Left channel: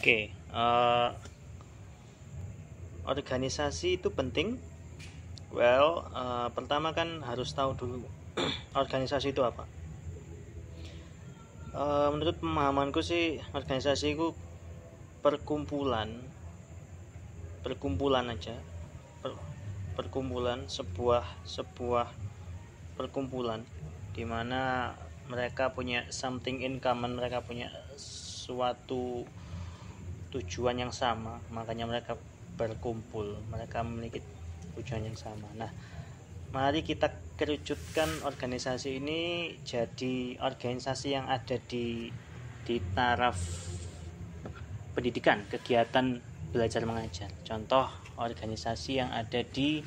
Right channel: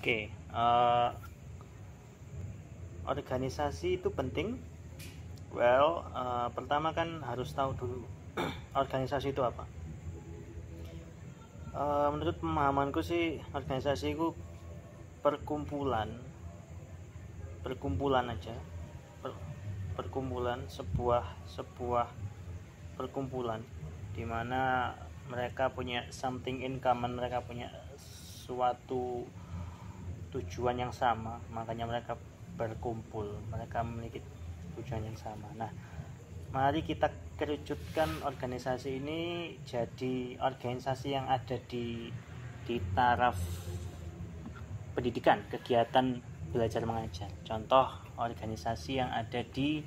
Oke, organisasi itu penting. Pertama kan harus tahu dulu organisasi itu apa. Menurut pemahamanku sih, organisasi itu perkumpulan, perkumpulan aja, perkumpulan sebuah perkumpulan di mana mereka punya something in common, mereka punya suatu tujuan yang sama, makanya mereka berkumpul, mereka memiliki tujuan yang sama. Nah, mari kita kerucutkan organisasi ini jadi organisasi yang ada di taraf pendidikan, kegiatan belajar mengajar. Contoh organisasi yang ada di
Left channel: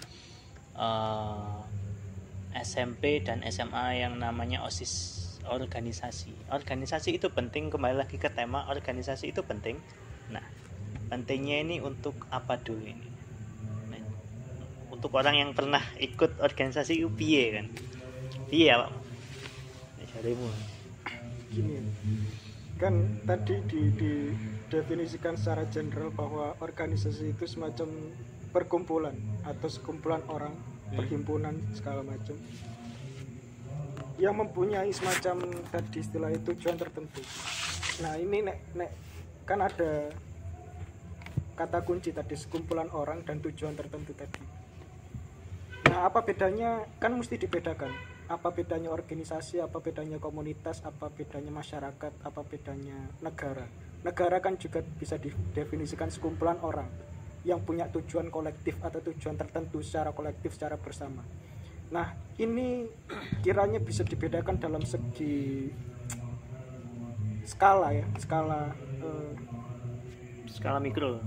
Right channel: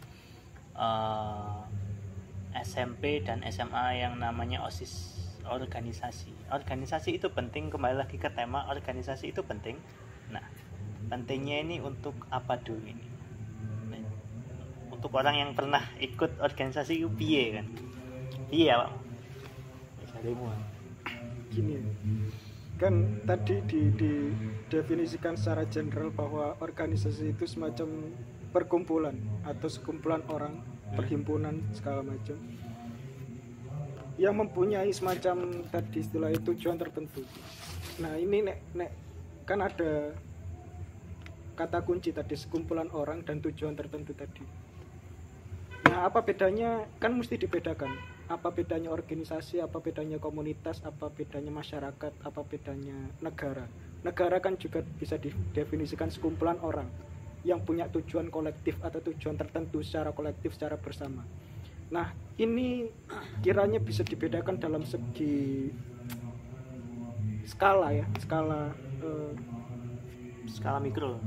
SMP dan SMA yang namanya OSIS, organisasi itu penting. Kembali lagi ke tema, organisasi itu penting. Nah, pentingnya ini untuk apa dulu ini? Nah, untuk orang yang pernah ikut organisasi piye kan? Piye ya, Pak? Carimu. Gini ya, kan tadi didefinisikan secara general bahwa organisasi itu semacam perkumpulan atau sekumpulan orang, perhimpunan segala macam yang mempunyai semacam tadi istilah tujuan tertentu. Nah ini nek kan ada kata kunci tadi, sekumpulan orang dan tujuan tertentu tadi. Nah apa bedanya, kan mesti dibedakan, apa bedanya organisasi, apa bedanya komunitas, apa bedanya masyarakat, apa bedanya negara. Negara kan juga bisa didefinisikan sekumpulan orang yang punya tujuan kolektif atau tujuan tertentu secara kolektif, secara bersama. Nah ini kiranya bisa dibedakan dalam segi skala ya, skala mikro.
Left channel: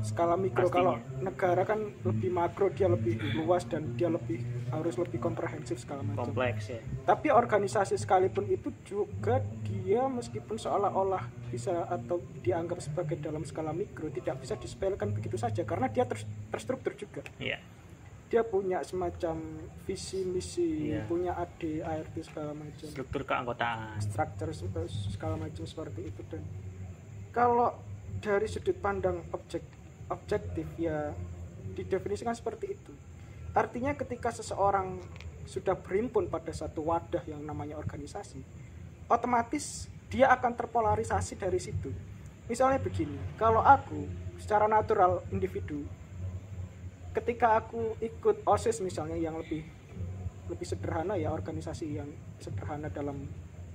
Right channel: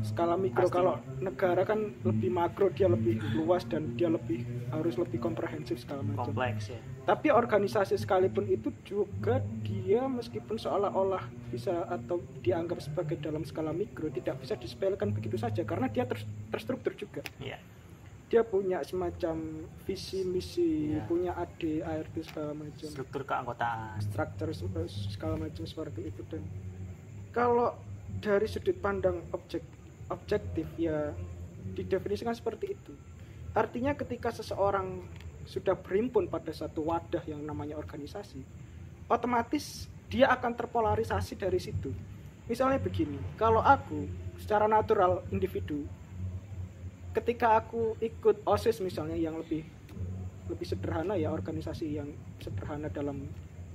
Kalau negara kan lebih makro, dia lebih luas dan dia harus lebih komprehensif segala macam, kompleks ya. tapi organisasi sekalipun itu juga dia meskipun seolah-olah bisa atau dianggap sebagai dalam skala mikro, tidak bisa disepelekan begitu saja karena dia terstruktur juga. Iya. Dia punya semacam visi misi, punya AD, ART segala macam, struktur keanggotaan, struktur segala macam seperti itu. Dan kalau dari sudut pandang objektif ya didefinisikan seperti itu. Artinya ketika seseorang sudah berhimpun pada satu wadah yang namanya organisasi, otomatis dia akan terpolarisasi dari situ. Misalnya begini, kalau aku secara natural individu, ketika aku ikut OSIS misalnya yang lebih sederhana ya, organisasi yang sederhana dalam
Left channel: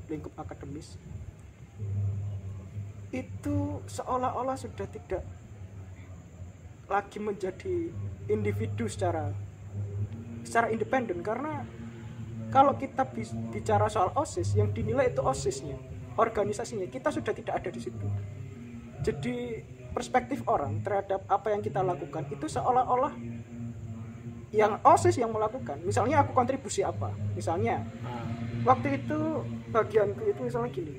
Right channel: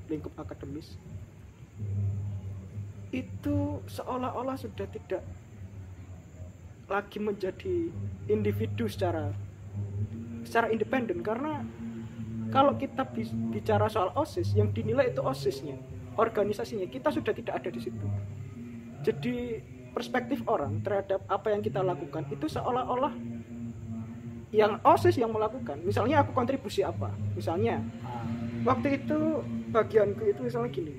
lingkup akademis, itu seolah-olah sudah tidak lagi menjadi individu secara independen, karena kalau kita bicara soal OSIS, yang dinilai itu OSISnya, organisasinya, kita sudah tidak ada di situ. Jadi perspektif orang terhadap apa yang kita lakukan itu seolah-olah yang OSIS yang melakukan. Misalnya aku kontribusi apa, misalnya waktu itu bagianku itu misalnya gini,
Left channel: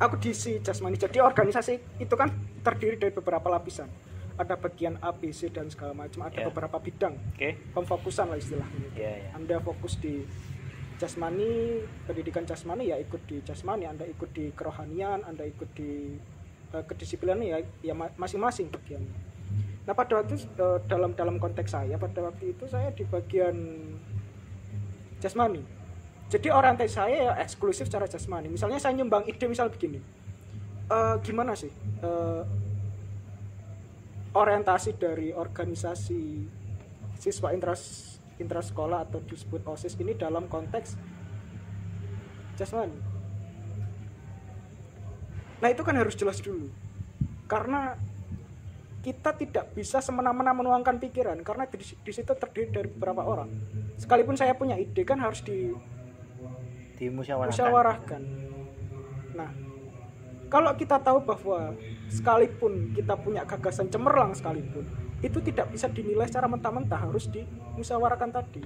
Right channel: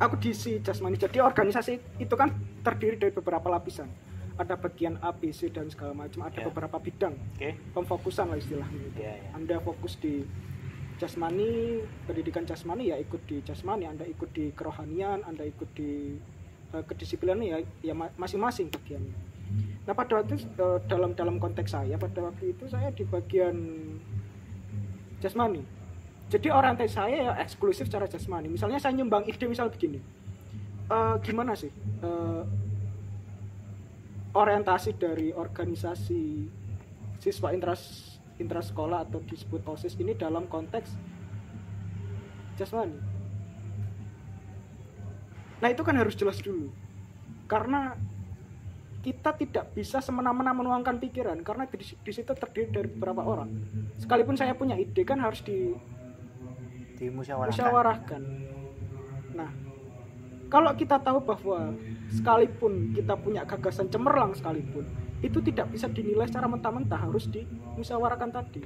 aku diisi jasmani. Jadi organisasi itu kan terdiri dari beberapa lapisan, ada bagian A, B, C dan segala macam, ada beberapa bidang, pemfokusan lah istilahnya. Anda fokus di jasmani, pendidikan jasmani ya ikut di jasmani, Anda ikut di kerohanian, Anda ikut di kedisiplinan ya masing-masing bagiannya. Nah pada waktu dalam konteks saya pada waktu itu saya di bagian jasmani. Jadi orientasi saya ya eksklusif secara jasmani. Misalnya saya nyumbang ide, misal begini, gimana sih orientasi dari organisasi siswa intrasekolah atau disebut OSIS ini dalam konteks jasmani. Nah itu kan harus jelas dulu, karena kita tidak bisa semena-mena menuangkan pikiran, karena di situ terdiri dari beberapa orang. Sekalipun saya punya ide kan harus dimusyawarahkan. Nah, kalau kita tahu bahwa sekalipun kita punya gagasan cemerlang sekalipun, itu tidak bisa dinilai secara mentah-mentah, harus dimusyawarahkan tadi.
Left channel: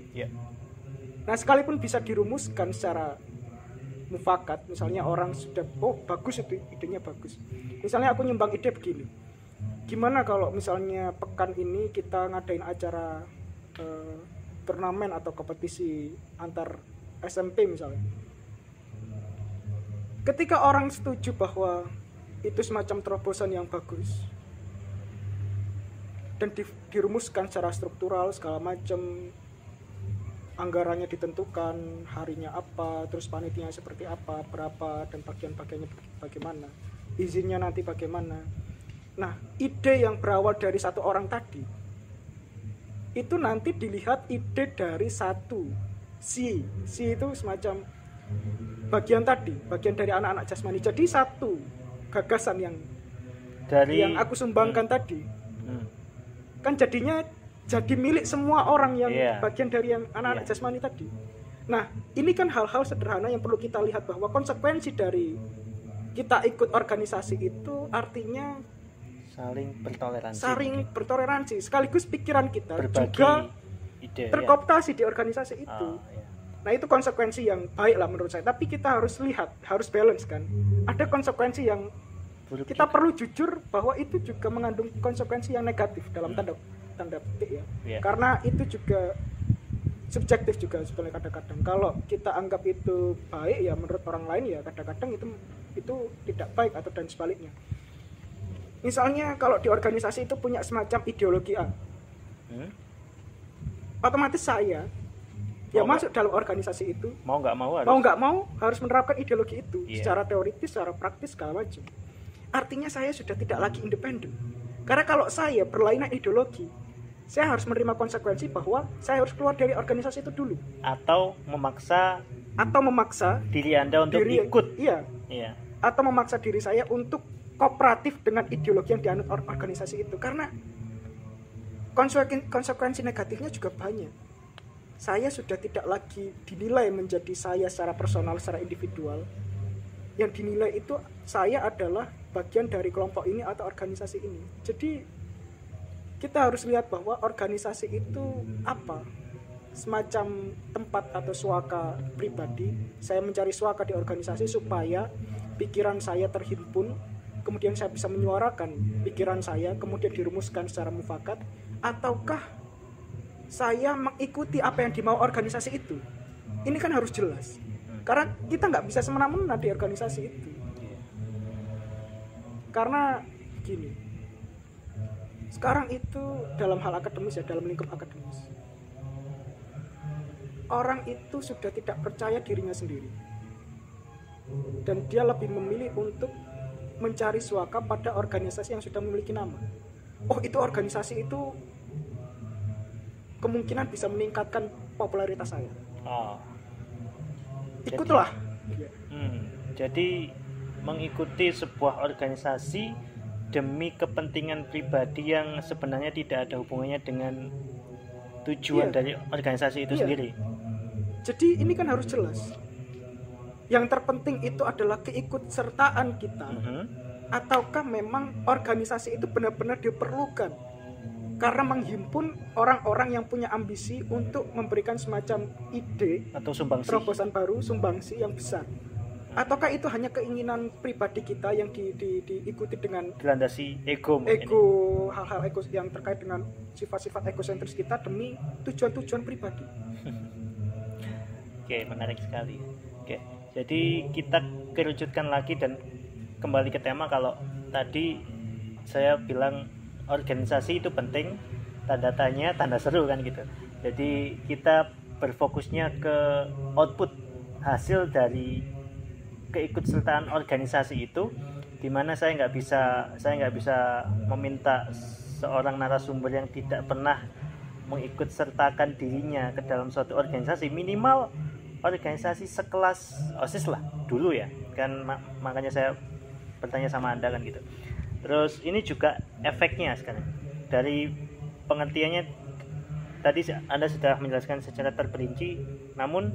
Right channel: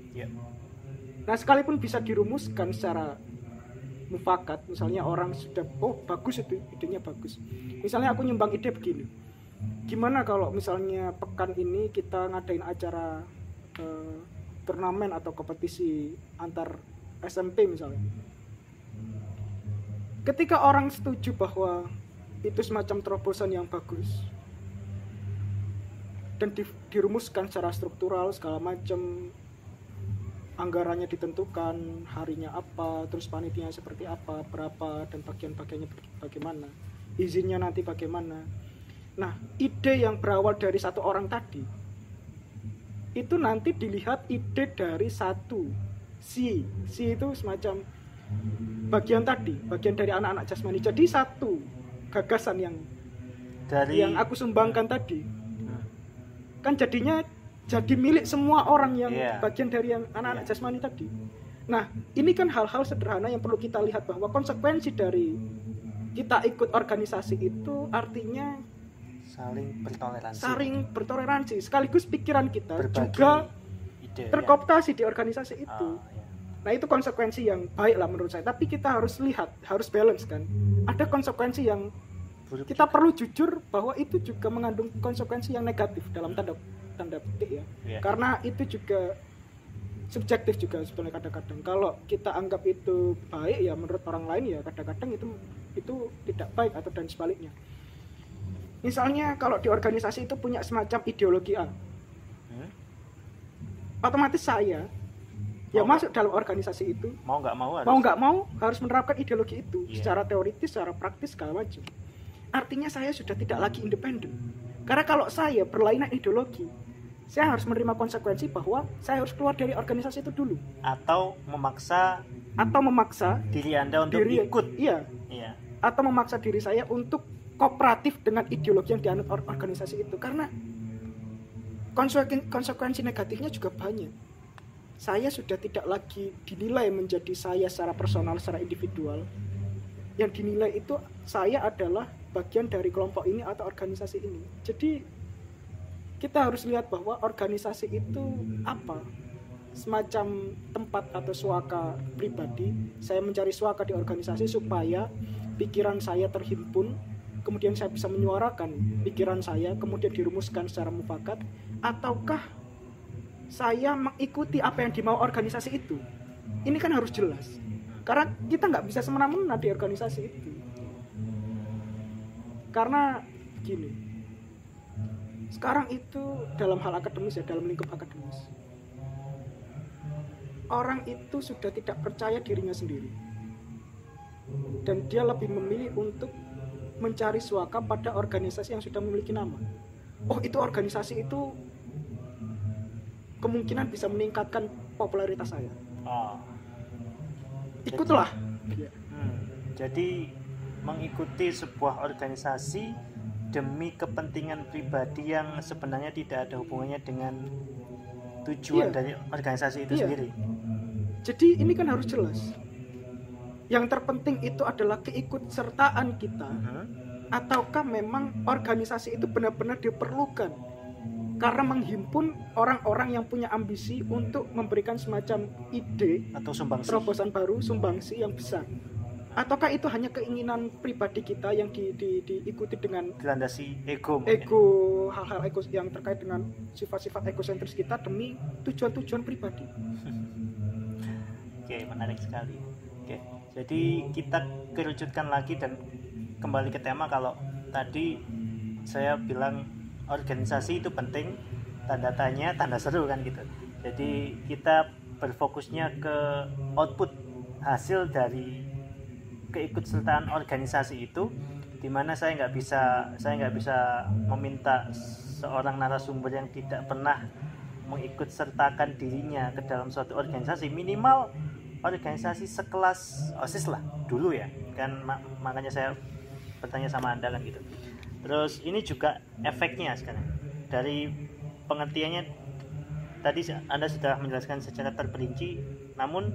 Nah, sekalipun bisa dirumuskan secara mufakat, misalnya orang sudah bagus itu idenya bagus. Misalnya aku nyumbang ide begini, gimana kalau misalnya pekan ini kita ngadain acara turnamen atau kompetisi antar SMP misalnya. Ketika orang setuju bahwa itu semacam terobosan yang bagus dan dirumuskan secara struktural segala macam, anggarannya ditentukan, harinya apa, terus panitianya seperti apa, berapa, dan bagian-bagiannya bagaimana, izinnya nanti bagaimana. Nah, ide yang berawal dari satu orang tadi itu nanti dilihat ide dari satu si itu semacam bagian dari anak-anak jasmani. Jadi satu gagasan yang aku sumbangkan tadi kan jadinya jadi milik semua orang yang bagian dari yang anak-anak jasmani tadi. Nah, ini kan hal-hal sederhana yang perlu kita lihat bahwa konsekuensi dari kita ikut organisasi itu artinya saling bertoleransi sekaligus pikiran kita berbagi juga ide, terkooptasi di organisasi itu. Nah, itu konsekuensi yang baik lah menurut saya, tapi kita harus lihat, harus balance kan. Ada konsekuensi yang kita perlu jujur bahwa itu juga mengandung konsekuensi yang negatif dalam tanda petik ya. Karena itu juga subjektif juga sebenarnya kadang-kadang. Kalau kita anggap itu baik ya menurut orang lain ya kadang-kadang itu tidak baik atau dan sebaliknya. Misalnya kalau di organisasi itu punya semacam ideologi A, otomatis saya masuk dalam organisasi itu mau nggak mau harus menerapkan ideologi itu secara teoritis, secara praktis segala macam. Artinya saya sudah tidak lagi independen. Karena kalau saya berlainan ideologi, saya harus menerima konsekuensi bahwa saya harus keluar dari organisasi itu dulu. Atau memaksa diri Anda untuk ikut. Iya. Atau memaksa diri saya untuk kooperatif dengan ideologi yang dianut organisasi itu. Karena konsekuensi negatifnya juga banyak. Saya sudah tidak lagi dinilai menjadi saya secara personal, secara individual. Yang dinilai itu saya adalah bagian dari kelompok ini atau organisasi ini. Jadi kita harus lihat bahwa organisasi itu apa? Semacam tempat atau suaka pribadi. Saya mencari suaka di organisasi supaya pikiran saya terhimpun, kemudian saya bisa menyuarakan pikiran saya, kemudian dirumuskan secara mufakat. Ataukah saya mengikuti apa yang dimau organisasi itu? Ini kan harus jelas. Karena kita nggak bisa semena-mena di organisasi itu. Karena gini, sekarang itu dalam hal akademis ya, dalam lingkup akademis, orang itu sudah tidak percaya dirinya sendiri, dan dia lebih memilih untuk mencari suaka pada organisasi yang sudah memiliki nama. Oh, itu organisasi itu kemungkinan bisa meningkatkan popularitas saya. Ikutlah. Jadi mengikuti sebuah organisasi demi kepentingan pribadi yang sebenarnya tidak ada hubungannya dengan tujuan dari organisasi itu sendiri. Jadi ini kan harus jelas. Yang terpenting itu adalah keikutsertaan kita. Ataukah memang organisasi itu benar-benar diperlukan karena menghimpun orang-orang yang punya ambisi untuk memberikan semacam ide atau sumbangsi, terobosan baru, sumbangsi yang besar. Ataukah itu hanya keinginan pribadi kita yang diikuti dengan dilandasi ego, hal-hal ego yang terkait dengan sifat-sifat egosentris kita demi tujuan-tujuan pribadi. Oke, menarik sekali. Oke, jadi kita kerucutkan lagi dan kembali ke tema. Kalau tadi saya bilang organisasi itu penting, tanda tanya, tanda seru kan gitu. Jadi kita berfokusnya ke output, hasil dari keikutsertaan organisasi itu, di mana saya nggak bisa meminta seorang narasumber yang tidak pernah mengikutsertakan dirinya ke dalam suatu organisasi, minimal organisasi sekelas OSIS lah dulu ya kan. Makanya saya bertanya sama Anda kan gitu. Terus ini juga efeknya sekarang dari pengertiannya tadi Anda sudah menjelaskan secara terperinci, namun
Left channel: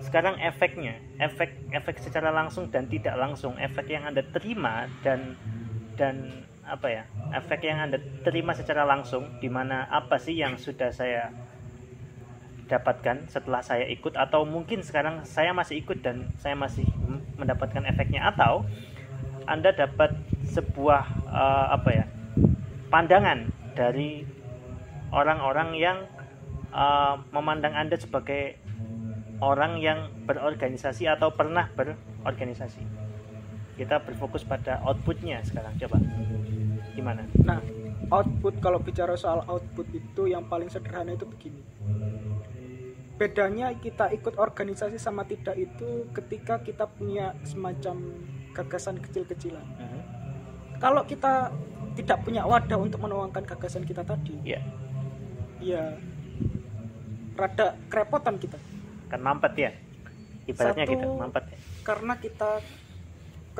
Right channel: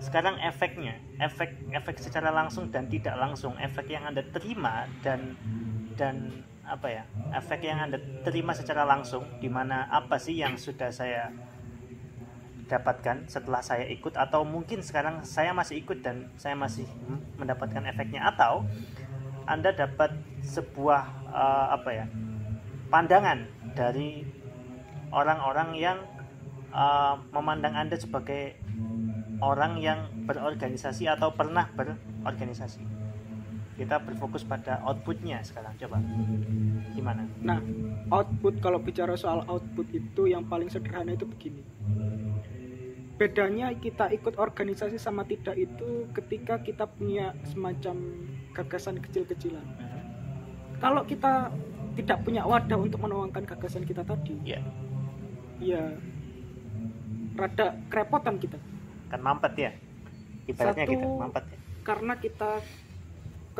sekarang efeknya, efek secara langsung dan tidak langsung, efek yang Anda terima dan apa ya, efek yang Anda terima secara langsung, di mana apa sih yang sudah saya dapatkan setelah saya ikut, atau mungkin sekarang saya masih ikut dan saya masih mendapatkan efeknya, atau Anda dapat sebuah pandangan dari orang-orang yang memandang Anda sebagai orang yang berorganisasi atau pernah berorganisasi. kita berfokus pada outputnya sekarang. Coba gimana? Nah, output, kalau bicara soal output itu yang paling sederhana itu begini. Bedanya kita ikut organisasi sama tidak itu ketika kita punya semacam gagasan kecil-kecilan. Kalau kita tidak punya wadah untuk menuangkan gagasan kita tadi, ya rada kerepotan kita. Kan mampet ya, ibaratnya Satu, gitu, mampet ya. Karena kita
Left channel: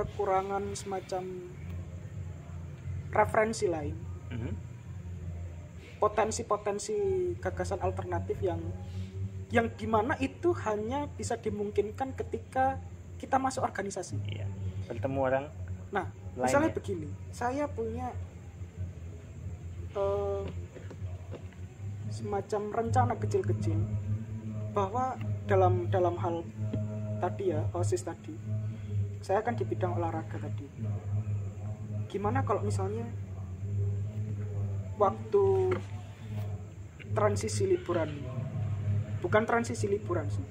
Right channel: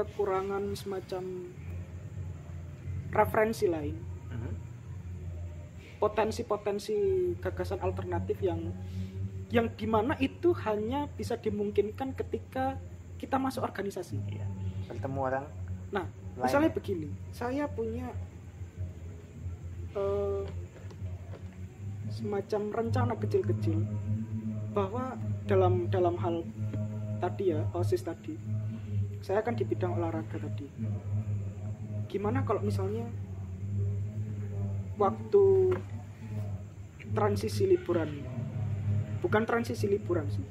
kekurangan semacam referensi lain, potensi-potensi gagasan alternatif yang dimana itu hanya bisa dimungkinkan ketika kita masuk organisasi. Iya. Bertemu orang. Nah, misalnya begini, saya punya semacam rencana kecil-kecil bahwa dalam hal tadi ya, OSIS tadi, saya kan di bidang olahraga tadi. Gimana kalau misalnya waktu transisi liburan, bukan transisi liburan sih,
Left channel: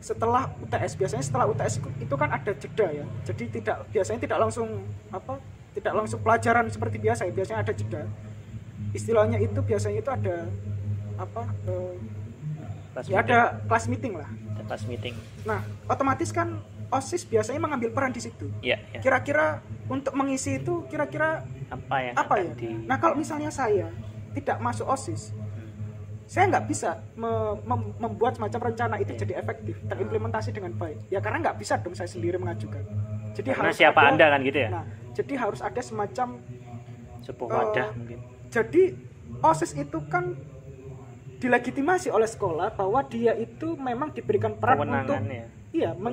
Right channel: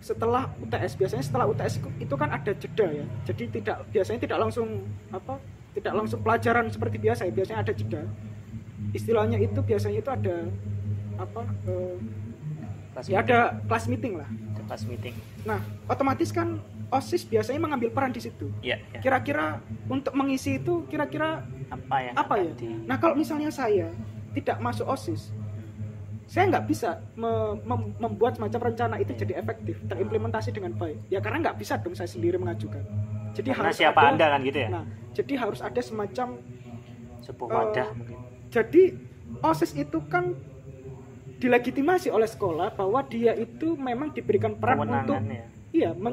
setelah UTS, biasanya setelah UTS itu kan ada jeda ya, jadi biasanya tidak langsung pelajaran seperti biasa ya, biasanya ada jeda. Istilahnya itu biasanya itu ada ada class meeting lah. Class meeting. Nah, otomatis kan OSIS biasanya mengambil peran di situ. Ya. Kira-kira untuk mengisi itu kira-kira apa ya? Nah, kalau misalnya saya tidak masuk OSIS, saya nggak bisa membuat semacam rencana itu jadi efektif, terimplementasi dengan baik. Ya karena nggak bisa dong saya sendiri mengajukan. Jadi karena harus siapa ada, Anda kan gitu ya? Nah, jadi harus ada semacam sebuah wadah mungkin. Jadi OSIS itu kan dilegitimasi oleh sekolah bahwa dia itu memang diberikan peran untuk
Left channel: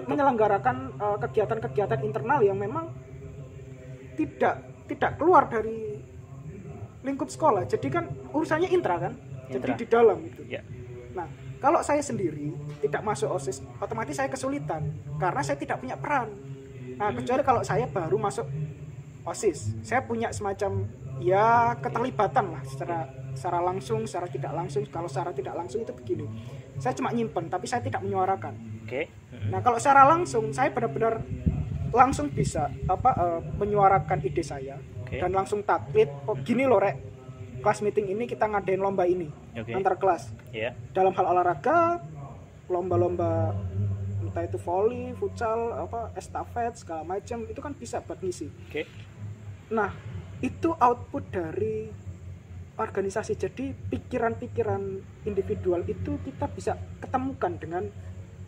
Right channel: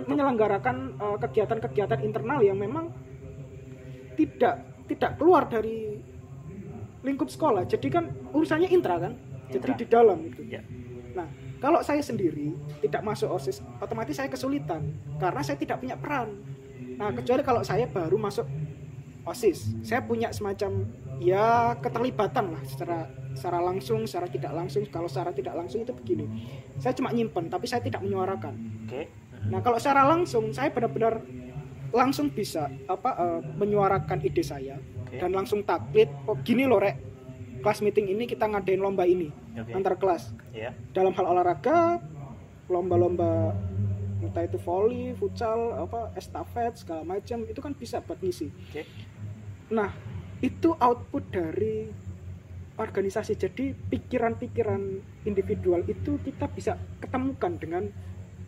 menyelenggarakan kegiatan-kegiatan internal yang memang tidak keluar dari lingkup sekolah. Jadi kan urusannya intra kan, jadi di dalam itu. Ya. Nah, kalau saya sendiri tidak masuk OSIS, otomatis saya kesulitan karena saya tidak punya peran. Nah, kecuali kalau saya baru masuk OSIS, saya punya semacam ya keterlibatan lah secara langsung, secara tidak langsung. Kalau secara tidak langsung itu begini, saya cuma nyimpen tapi saya tidak menyuarakan. Nah, kalau secara langsung saya benar-benar langsung bisa menyuarakan ide saya dan langsung taklid. Oh gini loh rek, kelas meeting ini kita ngadain lomba ini antar kelas. Dalam hal olahraga, lomba-lomba entah itu volley, futsal, estafet segala macam itu kan bisa buat ngisi. Nah, itu output dari organisasi. Jadi pikiran-pikiran individual itu kita bisa ketemukan dengan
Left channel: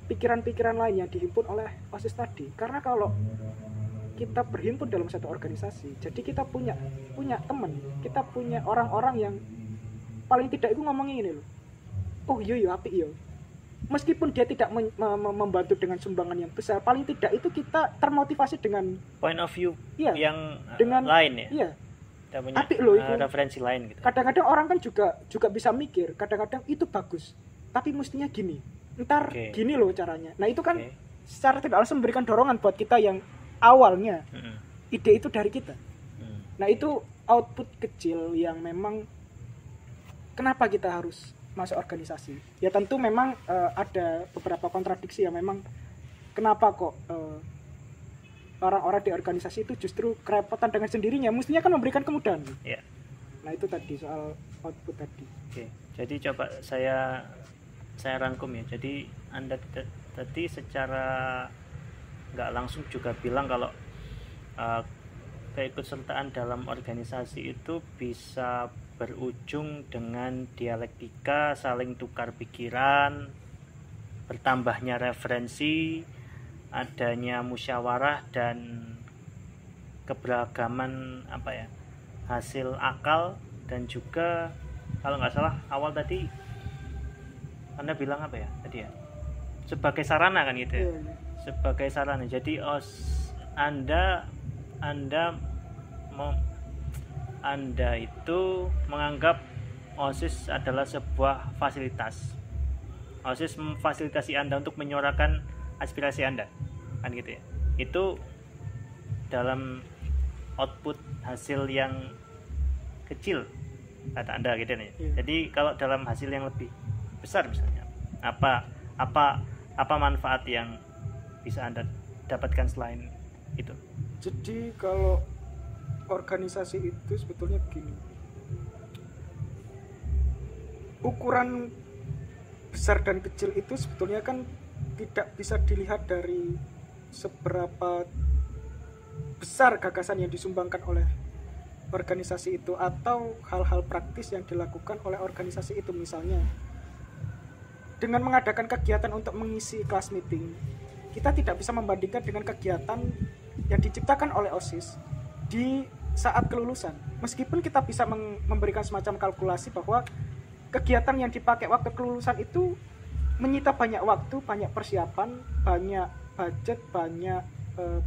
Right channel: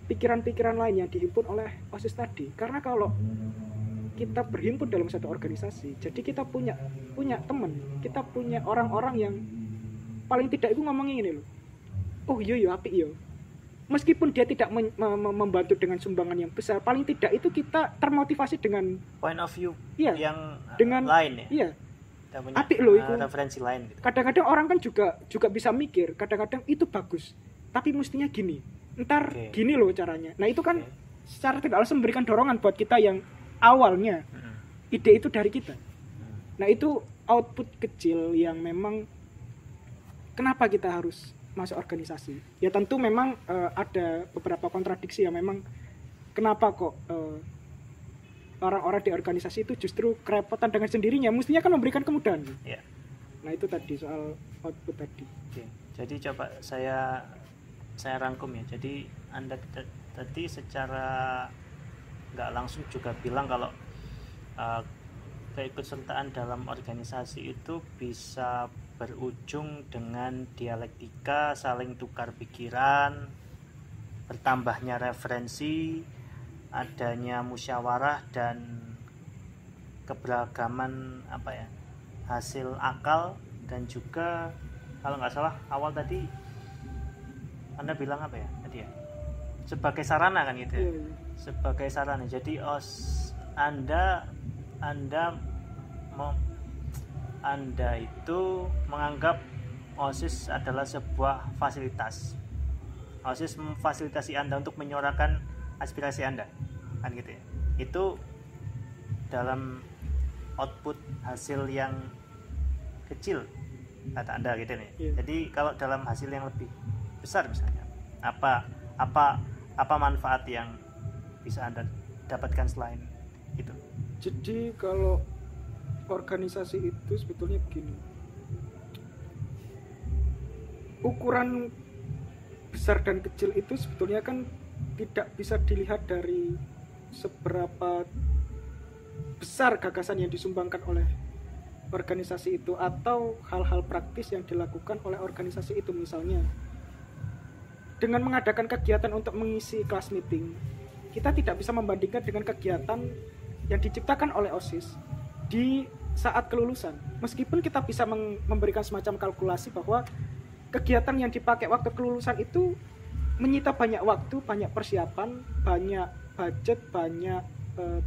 pikiran-pikiran lain yang dihimpun oleh OSIS tadi. Karena kalau kita berhimpun dalam satu organisasi, jadi kita punya teman, kita punya orang-orang yang paling tidak itu ngomongnya ini loh, oh iya apik yo. Meskipun dia tidak membantu dengan sumbangan yang besar, paling tidak itu kita termotivasi dengan point of view yang dengan lain ya. Iya. Kita punya apik loh itu. Referensi lain gitu. Kadang-kadang orang kan juga bisa mikir, kadang-kadang itu bagus, tapi mestinya gini. Ntar gini loh caranya. Nah, itu kan secara tidak langsung memberikan dorongan buat kita yang awalnya ide itu dari kita. Nah, itu output kecil yang memang kenapa kita harus masuk organisasi. Ya tentu memang ada beberapa kontradiksi ya, memang kenapa kok orang-orang di organisasi itu justru kerepotan dengan sendirinya, mestinya kan memberikan kemudahan. Nah, itu tadi soal output tadi. Jadi coba saya rangkum ya. Jadi Anda tadi secara nggak langsung juga bilang kalau keikutsertaan dalam organisasi itu bisa berujung dengan dialektika, saling tukar pikiran, bertambahnya referensi, adanya musyawarah dan keberagaman hasil akal, dan juga kalau nggak salah awal tadi Anda bilang tadi ya, sebagai sarana kan gitu ya. Sebagai sarana. Jadi Anda itu menganggap OSIS adalah sebuah fasilitas. OSIS memfasilitasi Anda untuk menyuarakan aspirasi Anda, kan gitu ya. Itu dalam output hasil yang kecil kata Anda gitu nih. Jadi kalau dalam hasil yang lebih besar misalnya, apa manfaat yang bisa Anda dapatkan selain itu? Jadi kalau organisasi itu sebetulnya begini, ukuran besar dan kecil itu sebetulnya kan tidak bisa dilihat dari seberapa besar gagasan yang disumbangkan oleh organisasi itu atau hal-hal praktis yang dilakukan oleh organisasi itu. Misalnya dengan mengadakan kegiatan untuk mengisi kelas meeting, kita tidak bisa membandingkan dengan kegiatan yang diciptakan oleh OSIS di saat kelulusan. Meskipun kita bisa memberikan semacam kalkulasi bahwa kegiatan yang dipakai waktu kelulusan itu menyita banyak waktu, banyak persiapan, banyak budget, banyak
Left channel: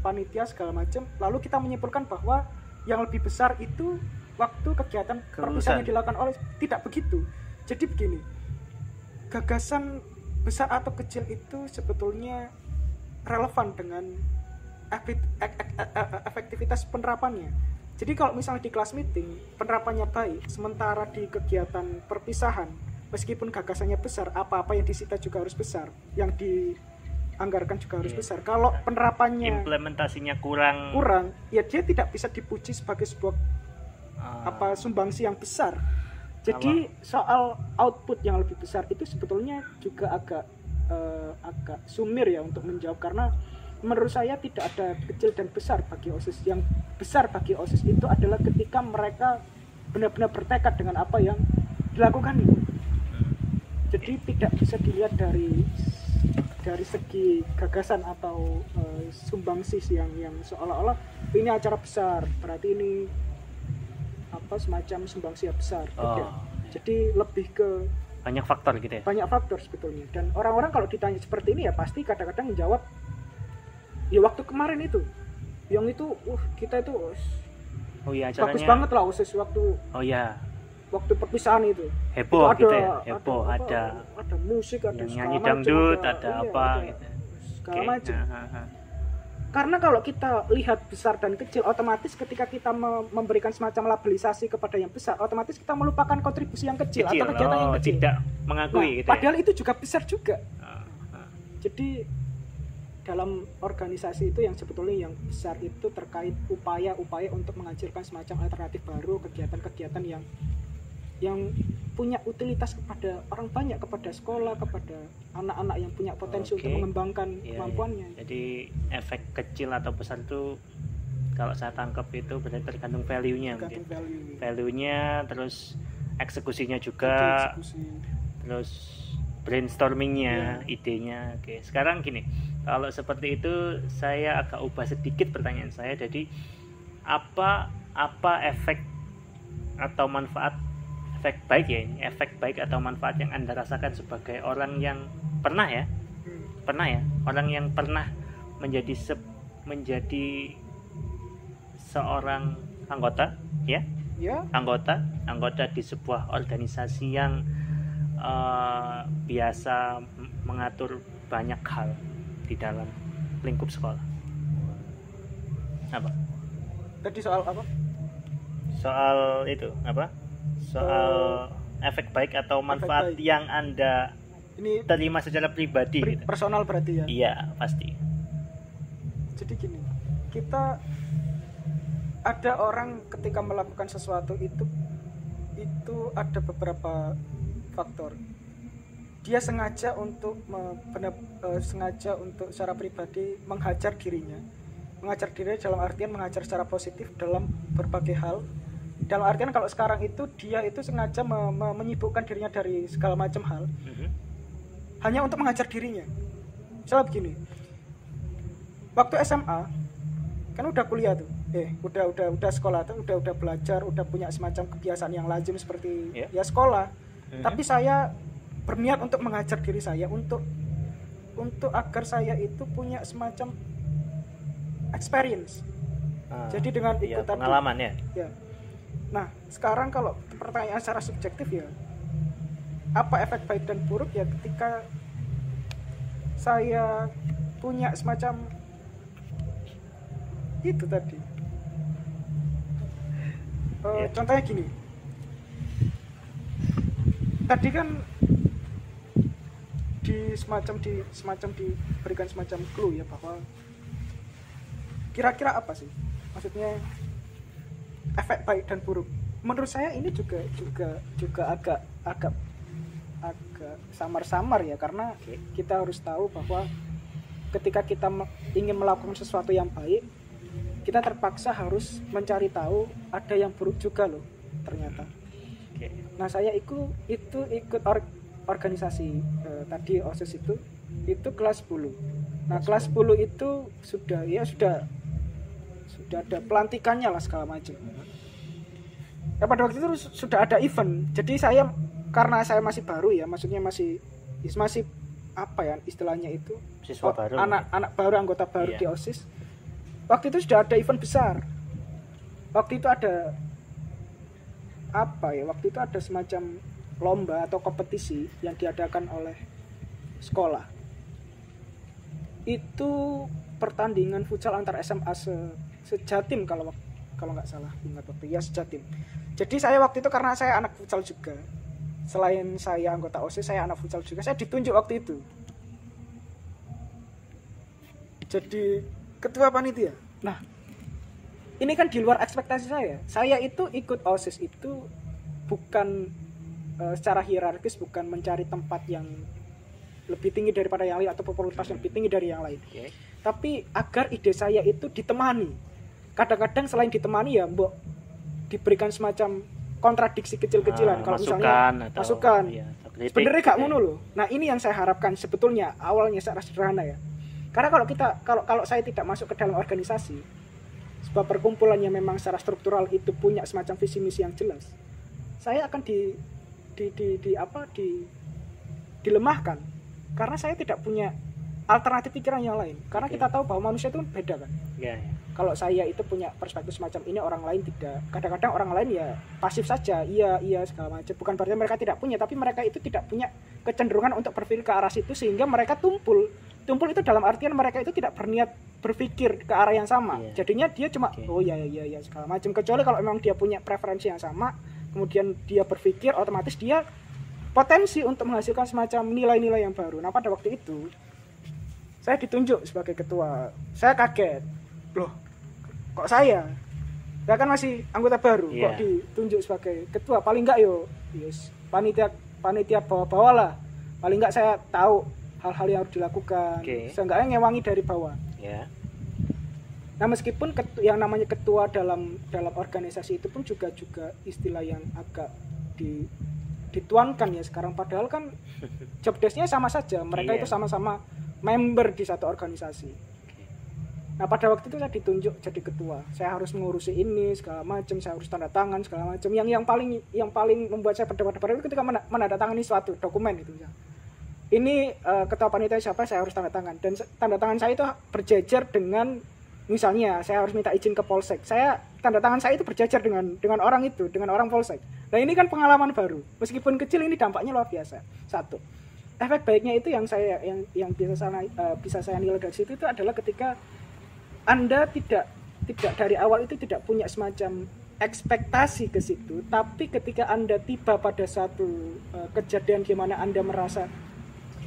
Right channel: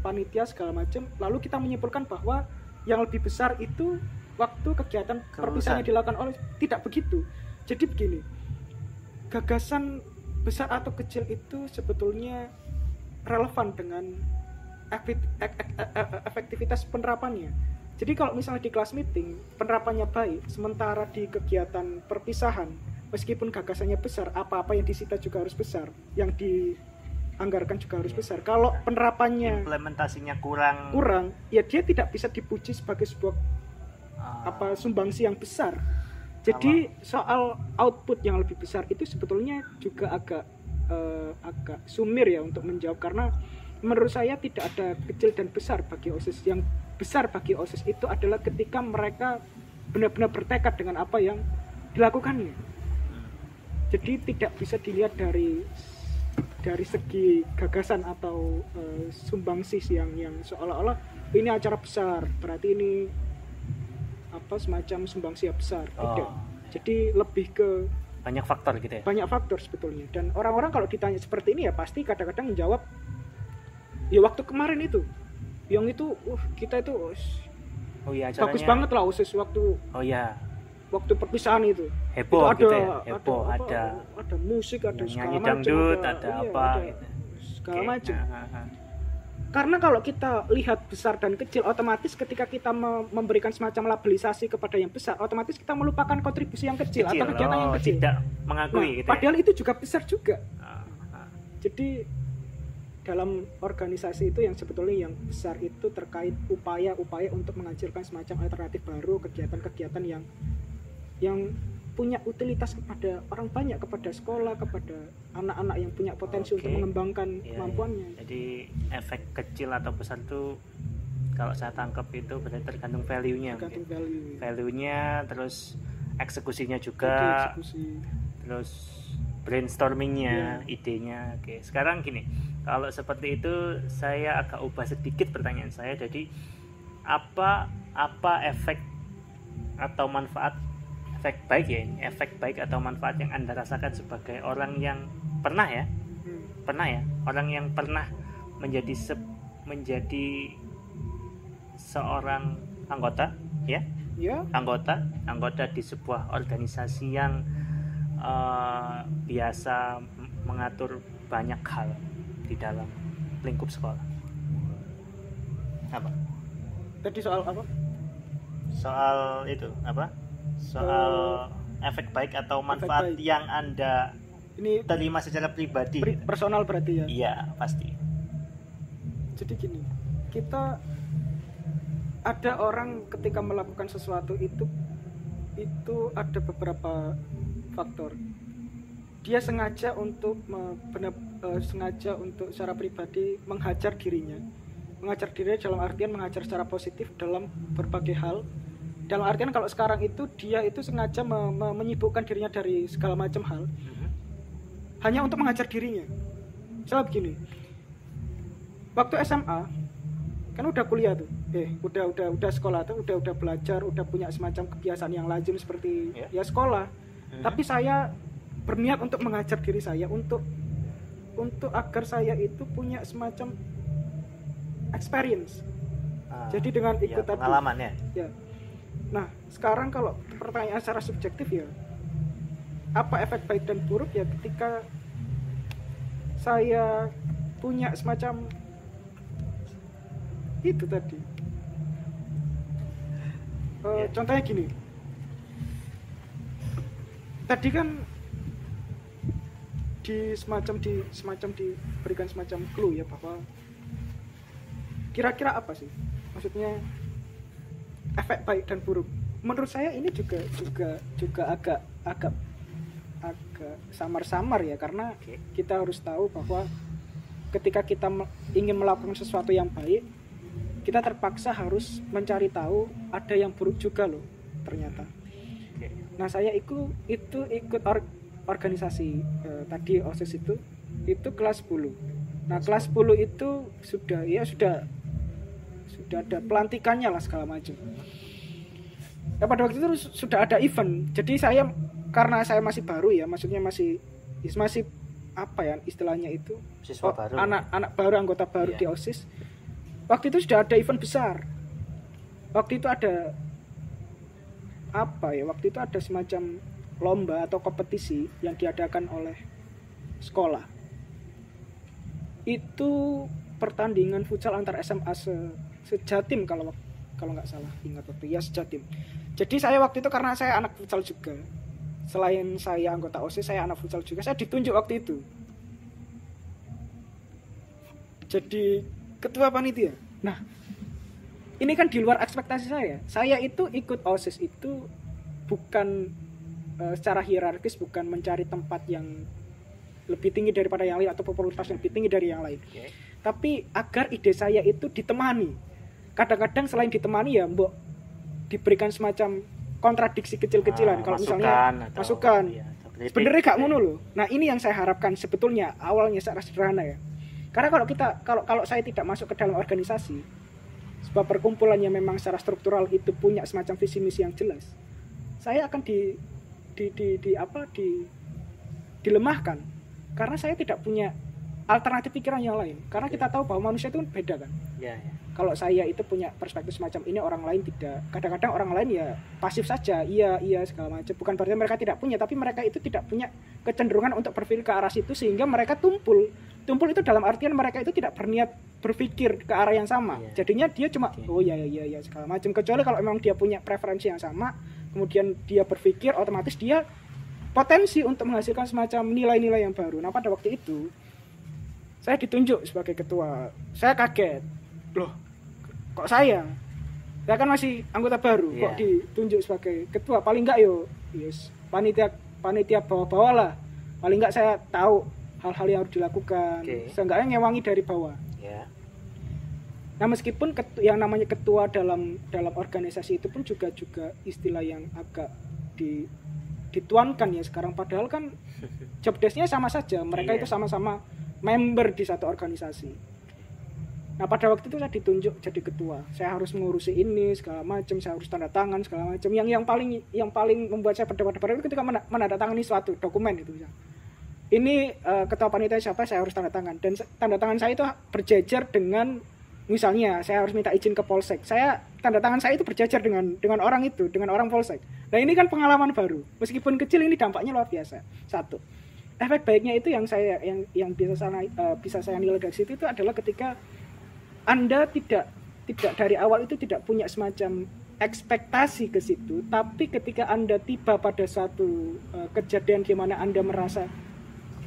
panitia segala macam. Lalu kita menyimpulkan bahwa yang lebih besar itu waktu kegiatan perpisahan yang dilakukan oleh, tidak begitu. Jadi begini, gagasan besar atau kecil itu sebetulnya relevan dengan efektivitas penerapannya. Jadi kalau misalnya di kelas meeting penerapannya baik, sementara di kegiatan perpisahan meskipun gagasannya besar, apa-apa yang disita juga harus besar, yang dianggarkan juga harus besar. Kalau penerapannya implementasinya kurang, ya dia tidak bisa dipuji sebagai sebuah sumbangsi yang besar. Jadi soal output yang lebih besar itu sebetulnya juga agak sumir ya untuk menjawab, karena menurut saya tidak ada kecil dan besar bagi OSIS. Yang besar bagi OSIS itu adalah ketika mereka benar-benar bertekad dengan apa yang dilakukan. Jadi tidak bisa dilihat dari segi gagasan atau sumbangsi yang seolah-olah ini acara besar, berarti ini semacam sumbangsi yang besar. Tidak. Jadi lebih ke banyak faktor gitu ya. Banyak faktor sebetulnya. Dan orang-orang kalau ditanya seperti ini ya pasti kadang-kadang menjawab, ya waktu kemarin itu yang itu kita itu bagus banget lah OSIS waktu waktu perpisahan itu heboh itu gitu ya, heboh, ada musik, ada nyanyi dangdut, ada apa gitu, segala macam. Karena kalau kita lihat besar dan kecil, otomatis ketika kita memberikan semacam labelisasi kepada yang besar, otomatis kita melupakan kontribusi yang kecil atau kegiatan yang kecil, tidak mengakui gitu padahal ya? Itu juga besar juga. Jadi dalam organisasi itu yang sebetulnya yang besar itu terkait upaya-upaya untuk menghasilkan semacam alternatif baru, kegiatan-kegiatan yang punya utilitas kepada orang banyak, kepada sekolah, kepada anak-anak yang punya potensi untuk mengembangkan kemampuannya. Jadi efek kecil atau besar itu kalau saya tangkap itu berarti tergantung value-nya. Value-nya, terus eksekusinya juga, terus brainstorming-nya, idenya. Oke, sekarang gini, kalau seperti itu saya agak ubah sedikit pertanyaan saya. Jadi apa efek atau manfaat, efek baik atau manfaat yang Anda rasakan sebagai orang yang pernah ya, orang yang pernah menjadi seorang anggota anggota di sebuah organisasi yang biasa mengatur banyak hal di dalam lingkup sekolah. Apa? Tadi soal apa? Soal itu apa? Soal efek baik atau manfaat yang Anda ini terima secara pribadi. Personal berarti ya? Iya, pasti. Jadi gini, kita ada orang ketika melakukan sesuatu itu ada beberapa faktor. Dia sengaja untuk secara pribadi menghajar dirinya dalam artian menghajar secara positif dalam berbagai hal. Dalam artian kalau sekarang itu dia itu sengaja menyibukkan dirinya dari segala macam hal, hanya untuk mengajar dirinya. Misalnya begini, waktu SMA kan udah kuliah tuh, udah sekolah tuh, udah belajar, udah punya semacam kebiasaan yang lazim seperti ya sekolah. Tapi saya berniat untuk mengajar diri saya untuk agar saya itu punya semacam experience. Jadi dengan ikut pengalaman ya. Nah, sekarang kalau pertanyaan secara subjektif ya, apa efek baik dan buruk ya ketika saya punya semacam itu tadi. Contohnya gini. Tadi kan diberikan semacam clue ya bahwa kira-kira apa sih maksudnya efek baik dan buruk? Menurut saya ini juga agak samar-samar ya, karena kita harus tahu bahwa ketika kita ingin melakukan sesuatu yang baik, kita terpaksa harus mencari tahu ada yang buruk juga loh ternyata. Nah saya ikut organisasi tadi OSIS itu kelas 10. Nah kelas 10 itu sudah ada pelantikannya lah segala macam. Nah, pada waktu itu sudah ada event. Jadi karena saya masih baru ya, maksudnya masih apa ya istilahnya itu, siswa baru, anak baru, anggota baru di OSIS. Waktu itu sudah ada event besar. Waktu itu ada apa ya? Waktu itu ada semacam lomba atau kompetisi yang diadakan oleh sekolah. Itu pertandingan futsal antar SMA sejatim kalau nggak salah ingat waktu ya, sejatim. Jadi saya waktu itu karena saya anak futsal juga. Selain saya anggota OSIS, saya anak futsal juga. Saya ditunjuk waktu itu jadi ketua panitia. Nah, ini kan di luar ekspektasi saya. Saya itu ikut OSIS itu bukan secara hierarkis, bukan mencari tempat yang lebih tinggi daripada yang lain atau popularitas yang lebih tinggi dari yang lain. Tapi agar ide saya itu ditemani. Kadang-kadang selain ditemani ya mbok diberikan semacam kontradiksi kecil-kecilan, kalau misalnya masukan. Iya, sebenarnya gak ngono loh. Nah, ini yang saya harapkan sebetulnya awalnya secara sederhana ya. Karena kalau saya tidak masuk ke dalam organisasi, sebuah perkumpulan yang memang secara struktural itu punya semacam visi misi yang jelas, saya akan dilemahkan karena saya tidak punya alternatif pikiran yang lain. Karena kita tahu bahwa manusia itu beda kan. Kalau saya itu punya perspektif semacam ini, orang lain tidak. Kadang-kadang orang lain ya pasif saja, iya segala macam. Bukan berarti mereka tidak punya, tapi mereka itu tidak punya kecenderungan untuk berpikir ke arah situ, sehingga mereka tumpul itu dalam artian mereka itu tidak berniat berpikir ke arah yang sama. Jadinya dia cuma oh ya segala macam. Kecuali kalau memang dia punya preferensi yang sama, kemudian dia berpikir, otomatis dia potensi untuk menghasilkan semacam nilai-nilai yang baru. Nah pada waktu itu saya ditunjuk sebagai ketua. Saya kaget, loh kok saya kan masih anggota baru, kok ditunjuk sebagai ketua. Paling enggak panitia bawah-bawah lah, paling enggak saya tahu hal-hal yang harus dilakukan, seenggaknya ngewangi dari bawah. Nah meskipun yang namanya ketua dalam organisasi itu pun juga istilah yang agak dituankan ya sekarang, padahal kan job desk-nya sama saja, mereka itu sama-sama member di satu organisasi. Nah pada waktu itu saya ditunjuk jadi ketua, saya harus mengurusi ini segala macam, saya harus tanda tangan segala macam. Yang paling membuat saya berdebar-debar itu ketika menandatangani suatu dokumen itu. Ini ketua panitia siapa, saya harus tanda tangan, dan tanda tangan saya itu berjejer dengan, misalnya saya harus minta izin ke Polsek, tanda tangan saya itu berjejer dengan orang itu, dengan orang Polsek. Nah ini kan pengalaman baru, meskipun kecil ini dampaknya luar biasa. Satu, efek baiknya itu yang bisa saya nilai dari situ itu adalah ketika Anda tidak dari awal itu tidak punya semacam ekspektasi ke situ, tapi ketika Anda tiba pada satu kejadian di mana Anda merasa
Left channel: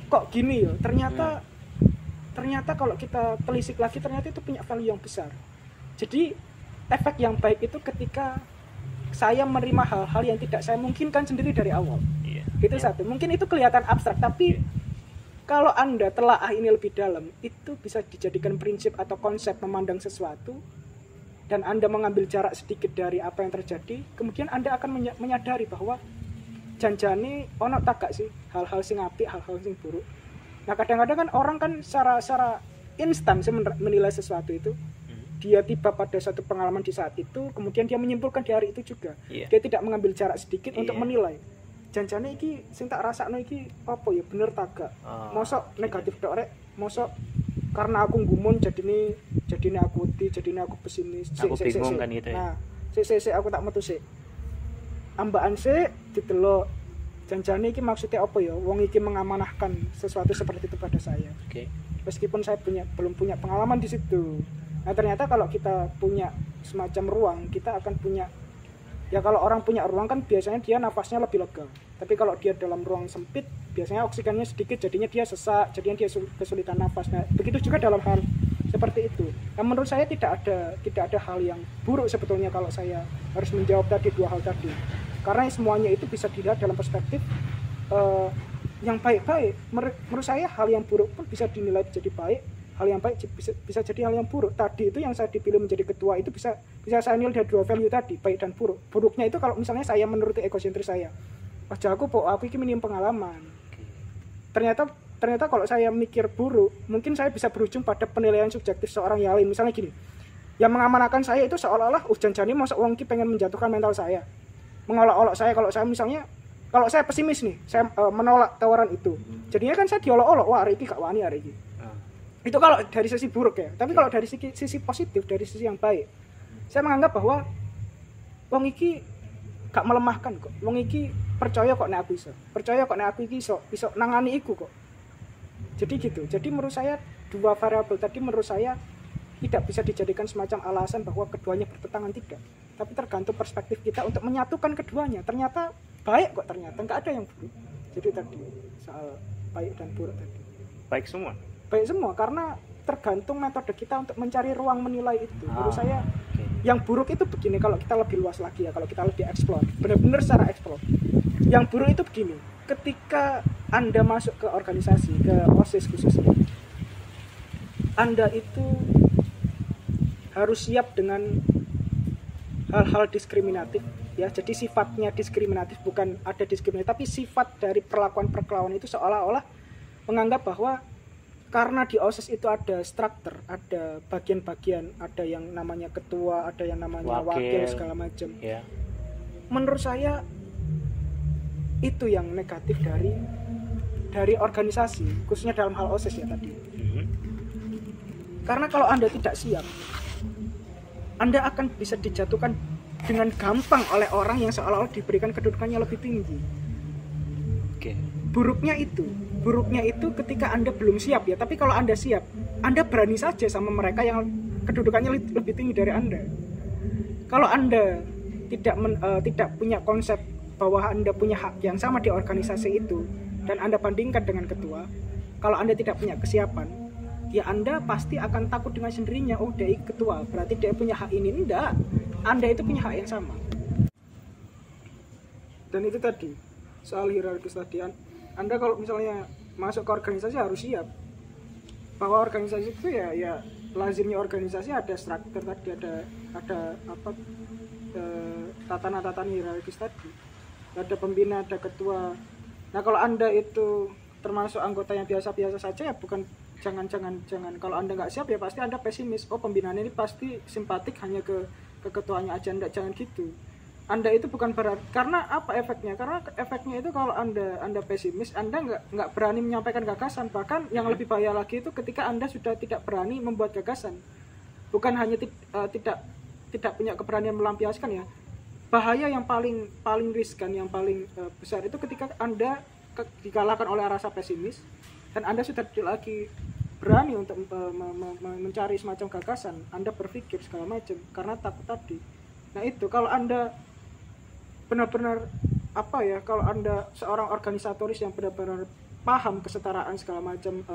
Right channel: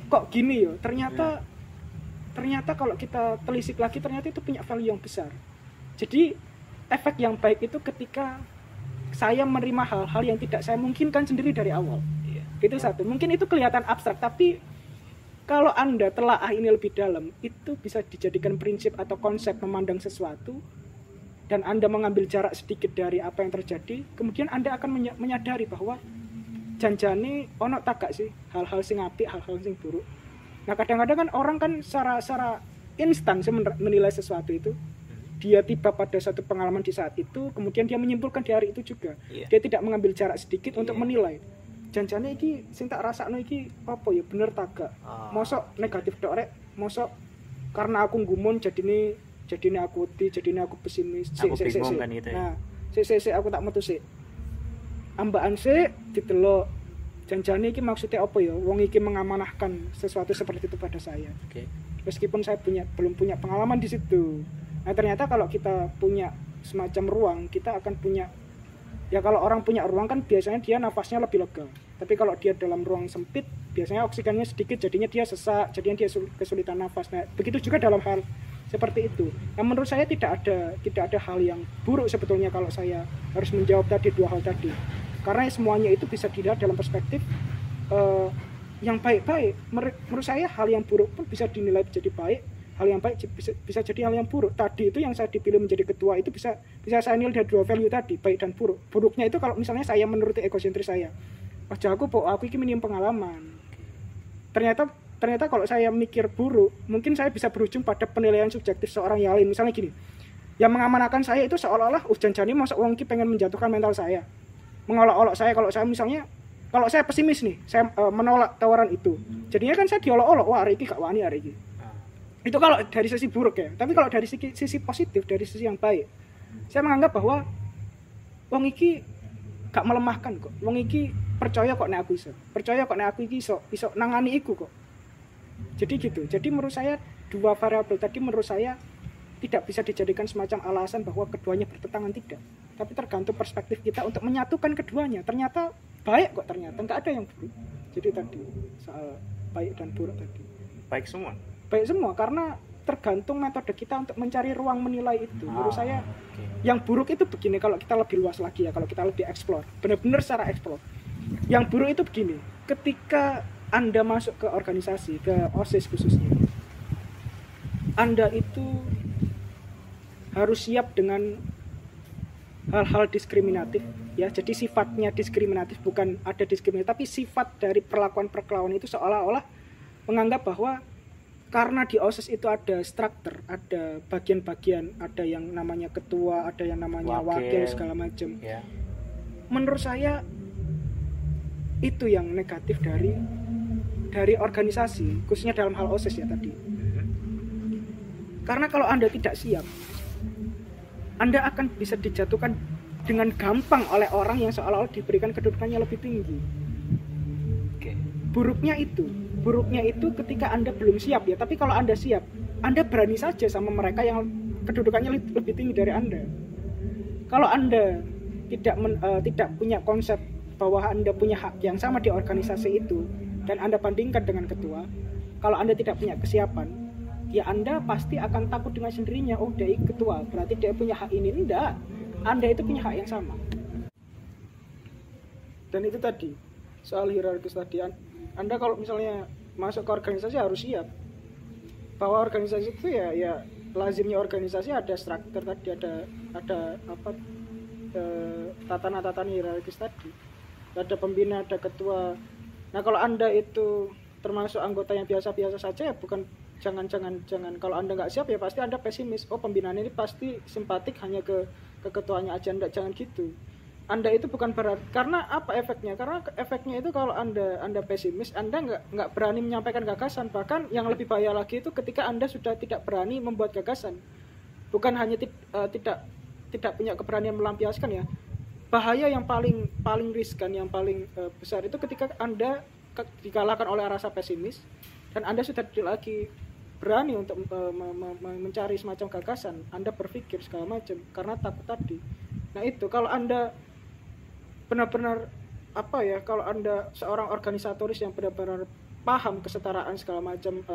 kok gini ya, ternyata kalau kita telisik lagi ternyata itu punya value yang besar. Jadi efek yang baik itu ketika saya menerima hal-hal yang tidak saya mungkinkan sendiri dari awal. Itu satu. Mungkin itu kelihatan abstrak, tapi kalau Anda telaah ini lebih dalam, itu bisa dijadikan prinsip atau konsep memandang sesuatu, dan Anda mengambil jarak sedikit dari apa yang terjadi, kemudian Anda akan menyadari bahwa janjane ono tak gak sih hal-hal sing apik, hal-hal sing buruk. Nah kadang-kadang kan orang kan secara instan menilai sesuatu itu. Dia tiba pada satu pengalaman di saat itu, kemudian dia menyimpulkan di hari itu juga. Dia tidak mengambil jarak sedikit untuk menilai. Janjane iki sing tak rasakno iki apa ya, bener tak gak? Mosok negatif tok rek, mosok karena aku gumun jadine aku pesimis. Aku bingung kan gitu ya. Nah, sik aku tak metu sik. Ambaan sik didelok. Janjane iki maksudnya apa ya? Wong iki mengamanahkan sesuatu seperti itu pada saya. Meskipun saya belum punya pengalaman di situ. Nah, ternyata kalau kita punya semacam ruang, kita akan punya, ya kalau orang punya ruang kan biasanya dia nafasnya lebih lega. Tapi kalau dia dalam ruang sempit, biasanya oksigennya sedikit, jadinya dia sesak, jadinya dia kesulitan nafas. Nah, begitu juga dalam hal seperti itu. Nah, menurut saya tidak ada hal yang buruk sebetulnya kalau saya harus menjawab tadi dua hal tadi, karena semuanya itu bisa dilihat dalam perspektif yang baik-baik. Menurut saya hal yang buruk pun bisa dinilai jadi baik, hal yang baik bisa jadi hal yang buruk. Tadi itu yang saya dipilih menjadi ketua itu bisa saya nilai dari dua value tadi, baik dan buruk. Buruknya itu kalau misalnya saya menuruti egosentris saya, aku ini minim pengalaman. Ternyata kalau saya mikir buruk, mungkin saya bisa berujung pada penilaian subjektif seorang yang lain. Misalnya gini, yang mengamankan saya itu seolah-olah janjane masuk wong ki pengen menjatuhkan mental saya, mengolok-olok saya. Kalau saya pesimis nih, saya menolak tawaran itu, jadinya kan saya diolok-olok, wah hari ini gak wani hari ini. Itu kalau dari sisi buruk ya. Tapi kalau dari sisi positif, dari sisi yang baik, saya menganggap bahwa wong iki gak melemahkan kok. Wong iki percaya kok nek aku iso. Percaya kok nek aku iki iso nangani iku kok. Jadi gitu. Jadi menurut saya dua variabel tadi menurut saya tidak bisa dijadikan semacam alasan bahwa keduanya bertentangan, tidak. Tapi tergantung perspektif kita untuk menyatukan keduanya. Ternyata baik kok, ternyata enggak ada yang buruk. Jadi tadi soal baik dan buruk tadi. Baik semua. Baik semua karena tergantung metode kita untuk mencari ruang menilai itu. Menurut saya yang buruk itu begini, kalau kita lebih luas lagi ya, kalau kita lebih explore, benar-benar secara explore. Yang buruk itu begini, ketika Anda masuk ke organisasi, ke OSIS khususnya, Anda itu harus siap dengan hal-hal diskriminatif ya. Jadi sifatnya diskriminatif, bukan ada diskriminatif, tapi sifat dari perlakuan itu seolah-olah menganggap bahwa karena di OSIS itu ada struktur, ada bagian-bagian, ada yang namanya ketua, ada yang namanya wakil segala macam. Ya. Menurut saya itu yang negatif dari organisasi, khususnya dalam hal OSIS ya tadi. Karena kalau Anda tidak siap, Anda akan bisa dijatuhkan dengan gampang oleh orang yang seolah-olah diberikan kedudukannya lebih tinggi. Buruknya itu ketika Anda belum siap ya. Tapi kalau Anda siap, Anda berani saja sama mereka yang kedudukannya lebih tinggi dari Anda. Kalau Anda tidak punya konsep bahwa Anda punya hak yang sama di organisasi itu, dan Anda bandingkan dengan ketua, kalau Anda tidak punya kesiapan, ya Anda pasti akan takut dengan sendirinya. Oh, dia ketua, berarti dia punya hak ini. Enggak, Anda itu punya hak yang sama. Dan itu tadi soal hierarkis tadi, Anda kalau misalnya masuk ke organisasi harus siap bahwa organisasi itu ya lazimnya organisasi ada struktur tadi, ada tatanan hierarkis tadi, ada pembina, ada ketua. Nah kalau Anda itu termasuk anggota yang biasa-biasa saja ya jangan kalau Anda nggak siap ya pasti Anda pesimis. Oh, pembinaan ini pasti simpatik hanya ke ketuanya aja. Enggak, jangan gitu. Anda itu bukan berarti, karena apa efeknya? Karena efeknya itu kalau Anda pesimis, Anda nggak berani menyampaikan gagasan. Bahkan yang lebih bahaya lagi itu ketika Anda sudah tidak berani membuat gagasan. Bukan hanya tidak punya keberanian melampiaskan ya. Bahaya yang paling riskan, yang paling besar itu ketika Anda dikalahkan oleh rasa pesimis dan Anda sudah tidak lagi berani untuk mencari semacam gagasan. Anda berpikir segala macam karena takut tadi. Nah itu kalau Anda benar-benar kalau Anda seorang organisatoris yang benar-benar paham kesetaraan segala macam,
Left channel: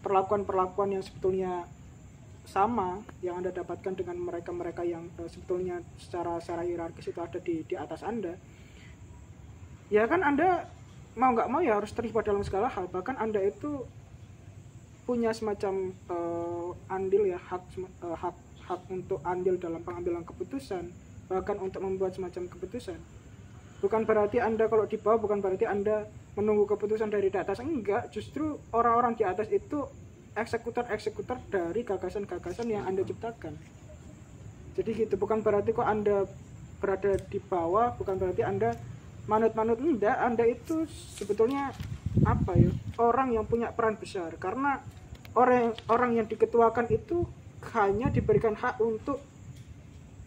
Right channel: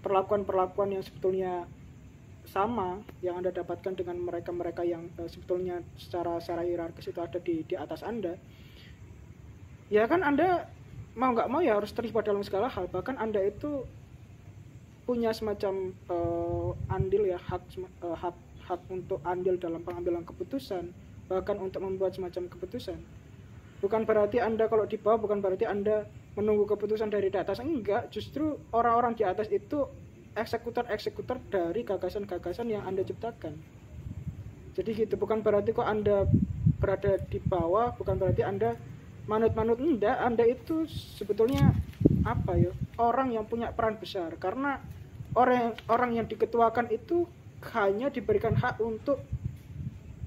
perlakuan yang sebetulnya sama yang Anda dapatkan dengan mereka yang sebetulnya secara hierarkis itu ada di atas Anda, ya kan Anda mau nggak mau ya harus terlibat dalam segala hal. Bahkan Anda itu punya semacam andil ya, hak untuk andil dalam pengambilan keputusan, bahkan untuk membuat semacam keputusan. Bukan berarti Anda kalau di bawah, bukan berarti Anda menunggu keputusan dari atas. Enggak, justru orang-orang di atas itu eksekutor dari gagasan-gagasan yang Anda ciptakan. Jadi gitu, bukan berarti kok Anda berada di bawah, bukan berarti Anda manut-manut. Enggak, Anda itu sebetulnya orang yang punya peran besar, karena orang yang diketuakan itu hanya diberikan hak untuk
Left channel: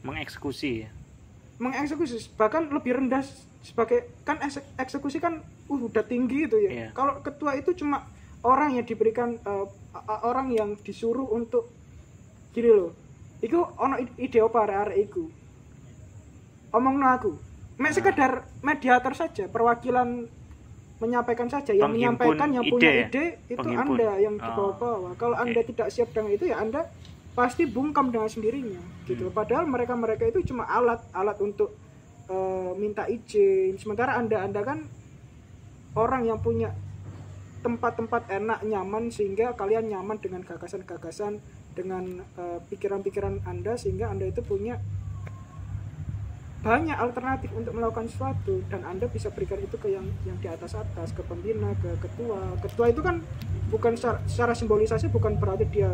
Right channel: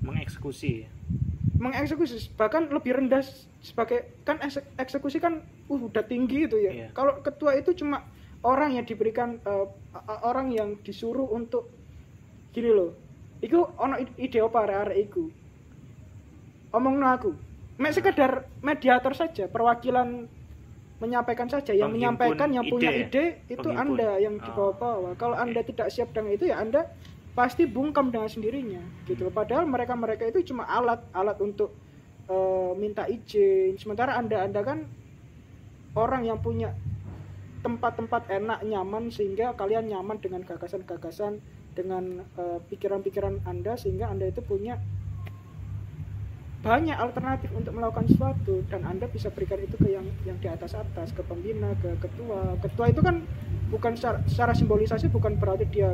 mengeksekusi, bahkan lebih rendah sebagai kan eksekusi kan udah tinggi itu ya. Yeah. Kalau ketua itu cuma orang yang diberikan orang yang disuruh untuk gini loh. Iku ono ide apa arek iku. Omongno aku. Mek sekedar mediator saja, perwakilan menyampaikan saja, yang menyampaikan, yang punya ide itu Anda yang di bawah-bawah. Kalau Anda tidak siap dengan itu, ya Anda pasti bungkam dengan sendirinya gitu. Padahal mereka itu cuma alat untuk minta izin. Sementara Anda kan orang yang punya tempat-tempat enak, nyaman, sehingga kalian nyaman dengan gagasan-gagasan, dengan pikiran-pikiran Anda, sehingga Anda itu punya banyak alternatif untuk melakukan sesuatu, dan Anda bisa berikan itu ke yang di atas, ke pembina, ke ketua itu kan bukan secara simbolisasi, bukan berarti dia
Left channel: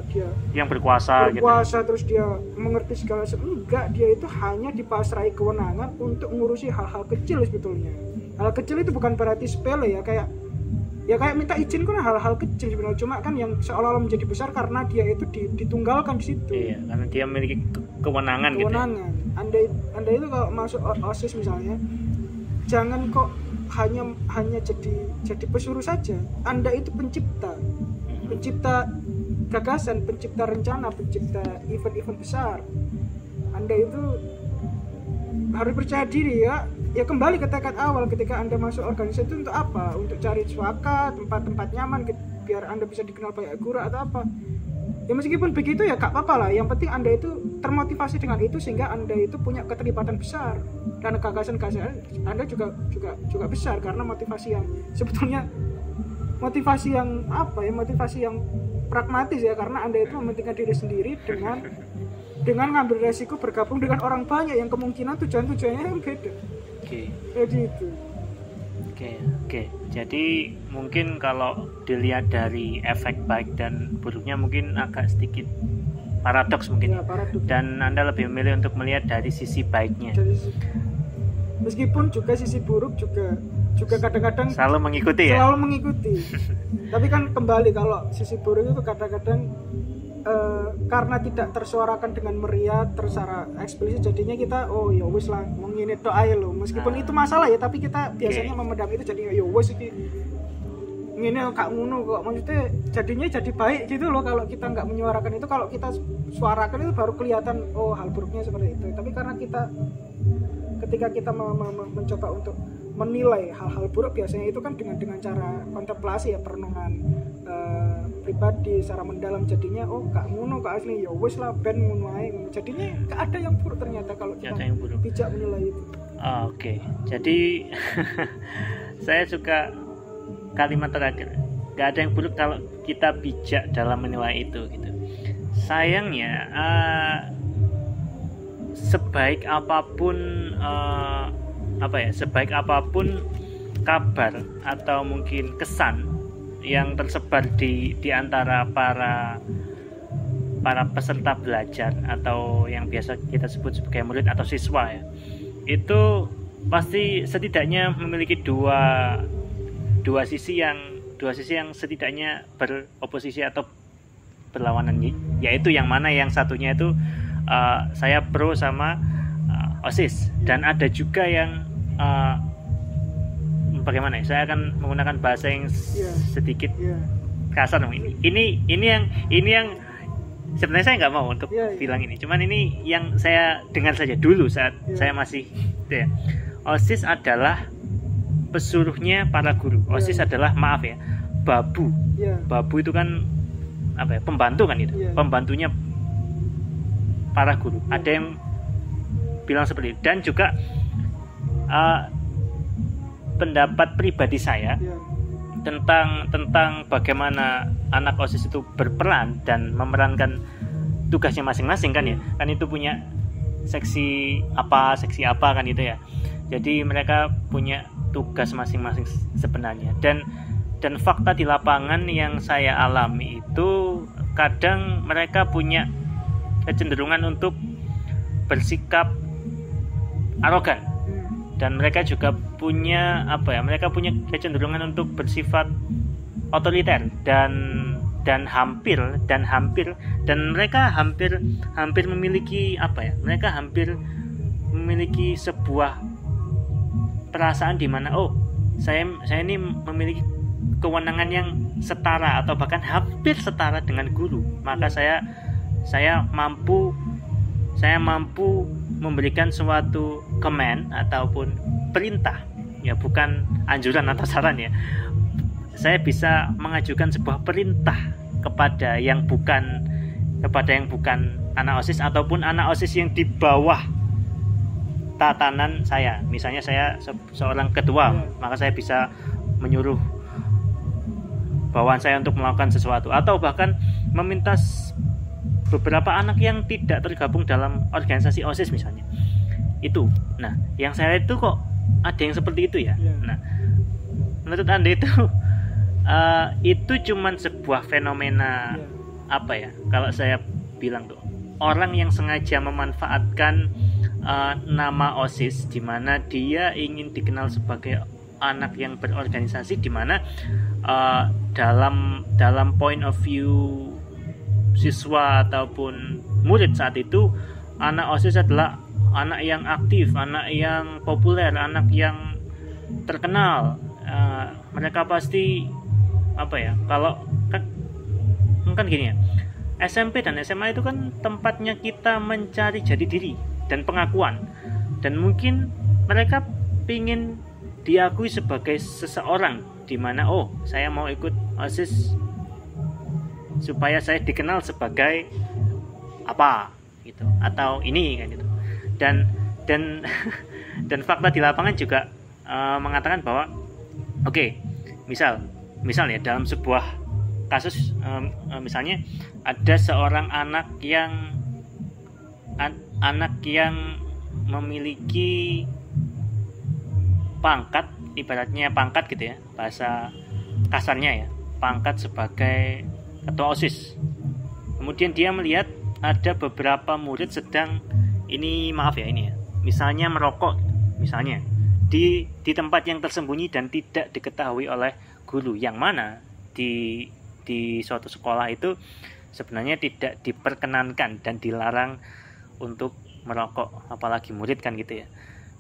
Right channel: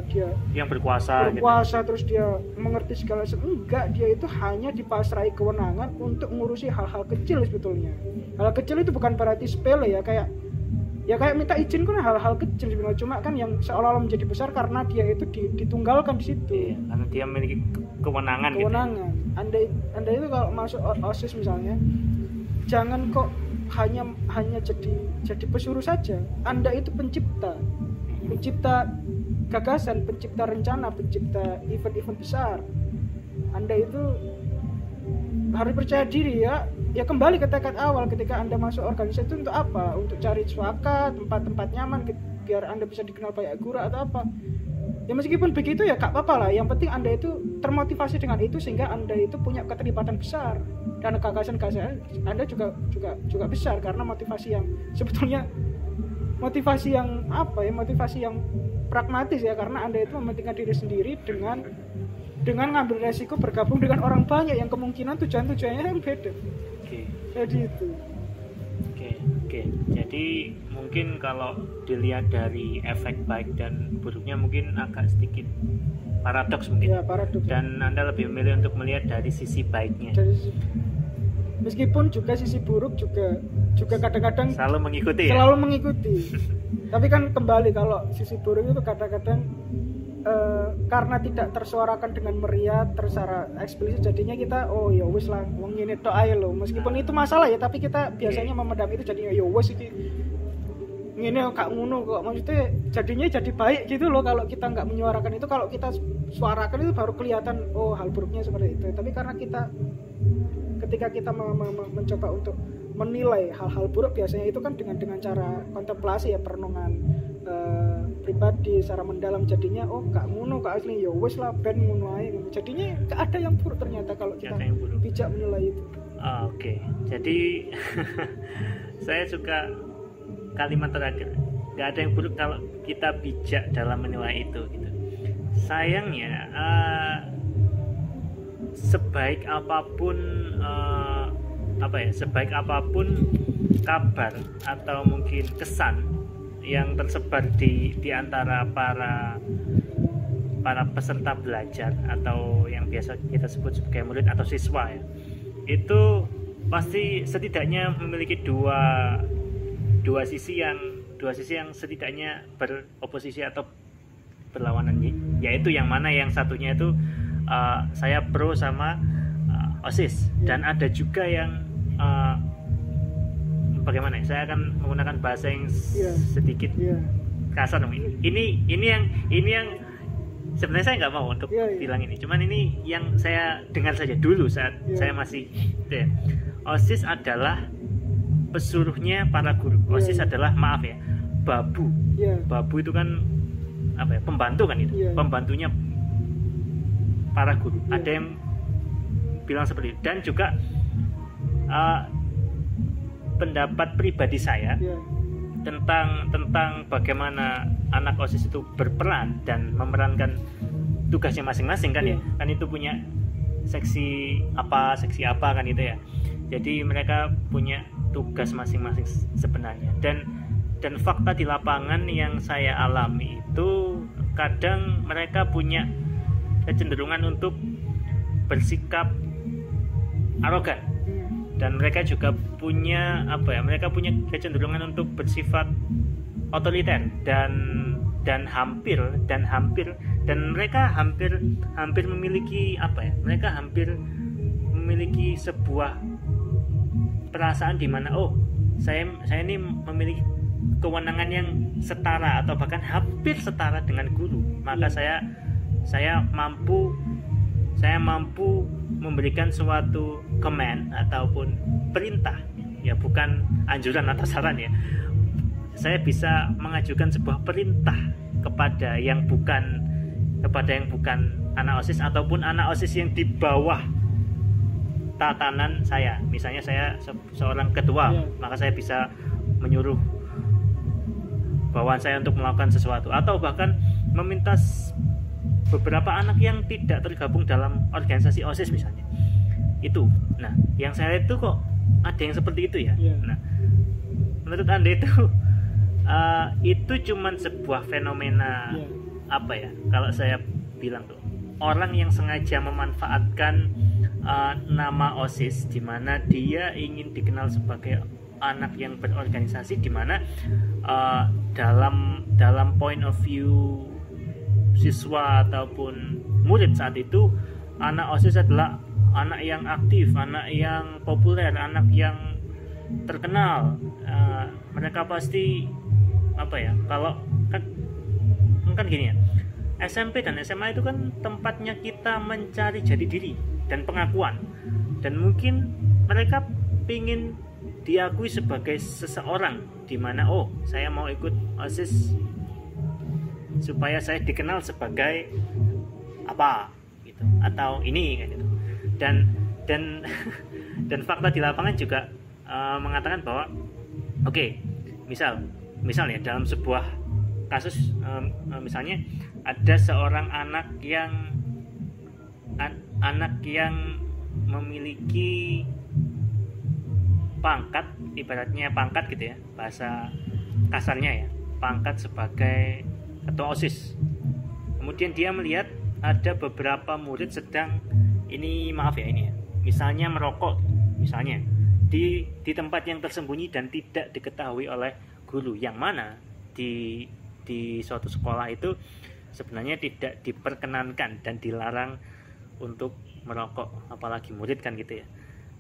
yang berkuasa gitu. Terus dia mengerti segala sesuatu. Enggak, dia itu hanya dipasrai kewenangan untuk mengurusi hal-hal kecil sebetulnya. Hal kecil itu bukan berarti sepele ya, kayak minta izin kan hal-hal kecil sebenarnya, cuma kan yang seolah-olah menjadi besar karena dia itu ditunggalkan di situ. Iya, karena dia memiliki kewenangan. Gitu. Anda itu kalau masuk OSIS misalnya, jangan kok hanya jadi pesuruh saja. Anda itu pencipta gagasan, pencipta rencana, pencipta event-event besar. Anda itu harus percaya diri ya kembali ke tekad awal ketika Anda masuk organisasi itu untuk apa? Untuk cari suaka, tempat-tempat nyaman biar Anda bisa dikenal banyak guru atau apa. Ya meskipun begitu ya gak apa-apa lah, yang penting Anda itu termotivasi dengan itu sehingga Anda itu punya keterlibatan besar, dan gagasan-gagasan Anda juga besar, karena motivasi yang sebetulnya motivasi yang pragmatis ya, karena Anda itu mementingkan diri sendiri dengan ngambil resiko bergabung dengan orang banyak yang kemungkinan tujuannya yang beda. Jadi itu. Oke. Jadi mungkin kalau dilihat dari efek baik dan buruknya mungkin agak sedikit paradoks mungkin. Ya, paradoks. Dan Anda lebih memilih untuk melihat dari sisi baiknya. Meskipun juga sisi buruk juga kadang-kadang selalu mengikuti. Tapi kan kembali, kalau sisi buruk itu kadang-kadang karena tidak tersuarakan dengan meriah, secara eksplisit, jadinya kita ya wis lah wong ngene tok ae lho. Meskipun itu masalah ya, tapi kita biasanya memendam itu, jadinya ya wis iki ngene gak ngono kok. Maksudnya jadinya jadi baik gitu loh kalau kita nggak menyuarakan itu. Kalau kita suarakan itu baru kelihatan hal buruknya seperti itu. Tapi karena ketika kita mencoba untuk menilai hal-hal buruk, biasanya itu kan dengan cara kontemplasi ya, perenungan pribadi secara mendalam, jadinya gak ngono kok asli, ya wis lah ben ngono ae. Jadinya gak ada yang buruk ternyata kalau kita bijak menilai itu. Oke. Jadi saya suka kalimat terakhir, gak ada yang buruk kalau kita bijak dalam menilai itu gitu. Sayangnya sebaik apapun kabar atau mungkin kesan yang tersebar di antara para peserta belajar atau yang biasa kita sebut sebagai murid atau siswa ya, itu pasti setidaknya memiliki dua sisi yang setidaknya beroposisi atau berlawanan, yaitu yang mana yang satunya itu saya pro sama OSIS, dan ada juga yang bagaimana ya, saya akan menggunakan bahasa yang sedikit kasar. Ini yang sebenarnya saya nggak mau untuk bilang ini, cuman ini yang saya dengar saja dulu saat saya masih OSIS adalah pesuruhnya para guru. OSIS adalah babu. Babu itu kan pembantu kan itu, pembantunya para guru. Ada yang bilang seperti itu. Dan juga pendapat pribadi saya tentang bagaimana anak OSIS itu berperan dan memerankan tugasnya masing-masing kan ya, kan itu punya seksi apa kan itu ya. Jadi mereka punya tugas masing-masing sebenarnya, dan fakta di lapangan yang saya alami itu kadang mereka punya kecenderungan untuk bersikap arogan, dan mereka juga punya kecenderungan untuk bersifat otoriter dan mereka hampir memiliki sebuah perasaan di mana saya ini memiliki kewenangan yang setara atau bahkan hampir setara dengan guru, maka saya mampu memberikan suatu command ataupun perintah, ya bukan anjuran atau saran ya, saya bisa mengajukan sebuah perintah kepada yang bukan anak OSIS ataupun anak OSIS yang di bawah tatanan saya. Misalnya saya seorang ketua, maka saya bisa menyuruh bawahan saya untuk melakukan sesuatu, atau bahkan meminta beberapa anak yang tidak tergabung dalam organisasi OSIS misalnya. Itu. Nah, yang saya itu kok ada yang seperti itu ya. Nah, menurut Anda itu cuman sebuah fenomena apa ya? Kalau saya bilang tuh, orang yang sengaja memanfaatkan nama OSIS, di mana dia ingin dikenal sebagai anak yang berorganisasi, di mana dalam point of view siswa ataupun murid saat itu, anak OSIS adalah anak yang aktif, anak yang populer, anak yang terkenal. Mereka pasti apa ya? Kalau kan gini ya, SMP dan SMA itu kan tempatnya kita mencari jati diri dan pengakuan, dan mungkin mereka ingin diakui sebagai seseorang, di mana saya mau ikut OSIS supaya saya dikenal sebagai apa gitu, atau ini kan gitu. Dan fakta di lapangan juga mengatakan bahwa misal ya, dalam sebuah kasus misalnya ada seorang anak yang memiliki pangkat, ibaratnya pangkat gitu ya, bahasa kasarnya ya, pangkat sebagai ketua OSIS. Kemudian dia melihat ada beberapa murid sedang misalnya merokok misalnya di tempat yang tersembunyi dan tidak diketahui oleh guru, yang mana di suatu sekolah itu sebenarnya tidak diperkenankan dan dilarang untuk merokok, apalagi murid kan gitu ya.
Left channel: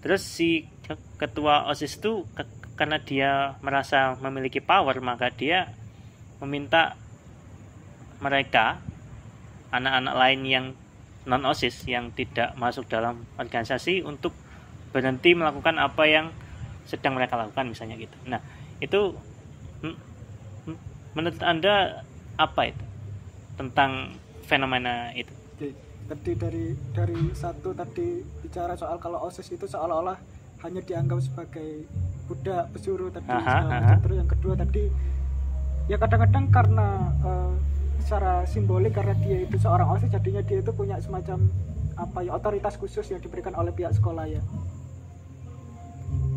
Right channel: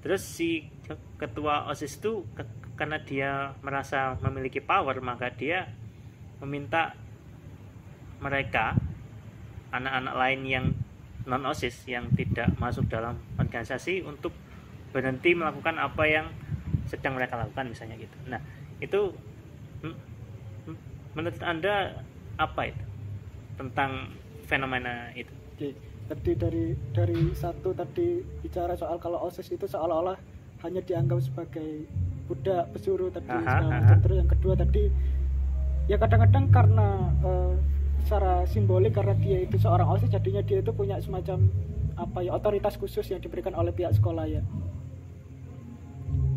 Terus si ketua OSIS itu karena dia merasa memiliki power, maka dia meminta mereka, anak-anak lain yang non OSIS yang tidak masuk dalam organisasi, untuk berhenti melakukan apa yang sedang mereka lakukan misalnya gitu. Nah, itu menurut Anda apa itu tentang fenomena itu? Oke, tadi dari satu tadi bicara soal kalau OSIS itu seolah-olah hanya dianggap sebagai budak pesuruh tadi. Terus yang kedua tadi ya kadang-kadang karena secara simbolik, karena dia itu seorang OSIS, jadinya dia itu punya semacam otoritas khusus yang diberikan oleh pihak sekolah ya.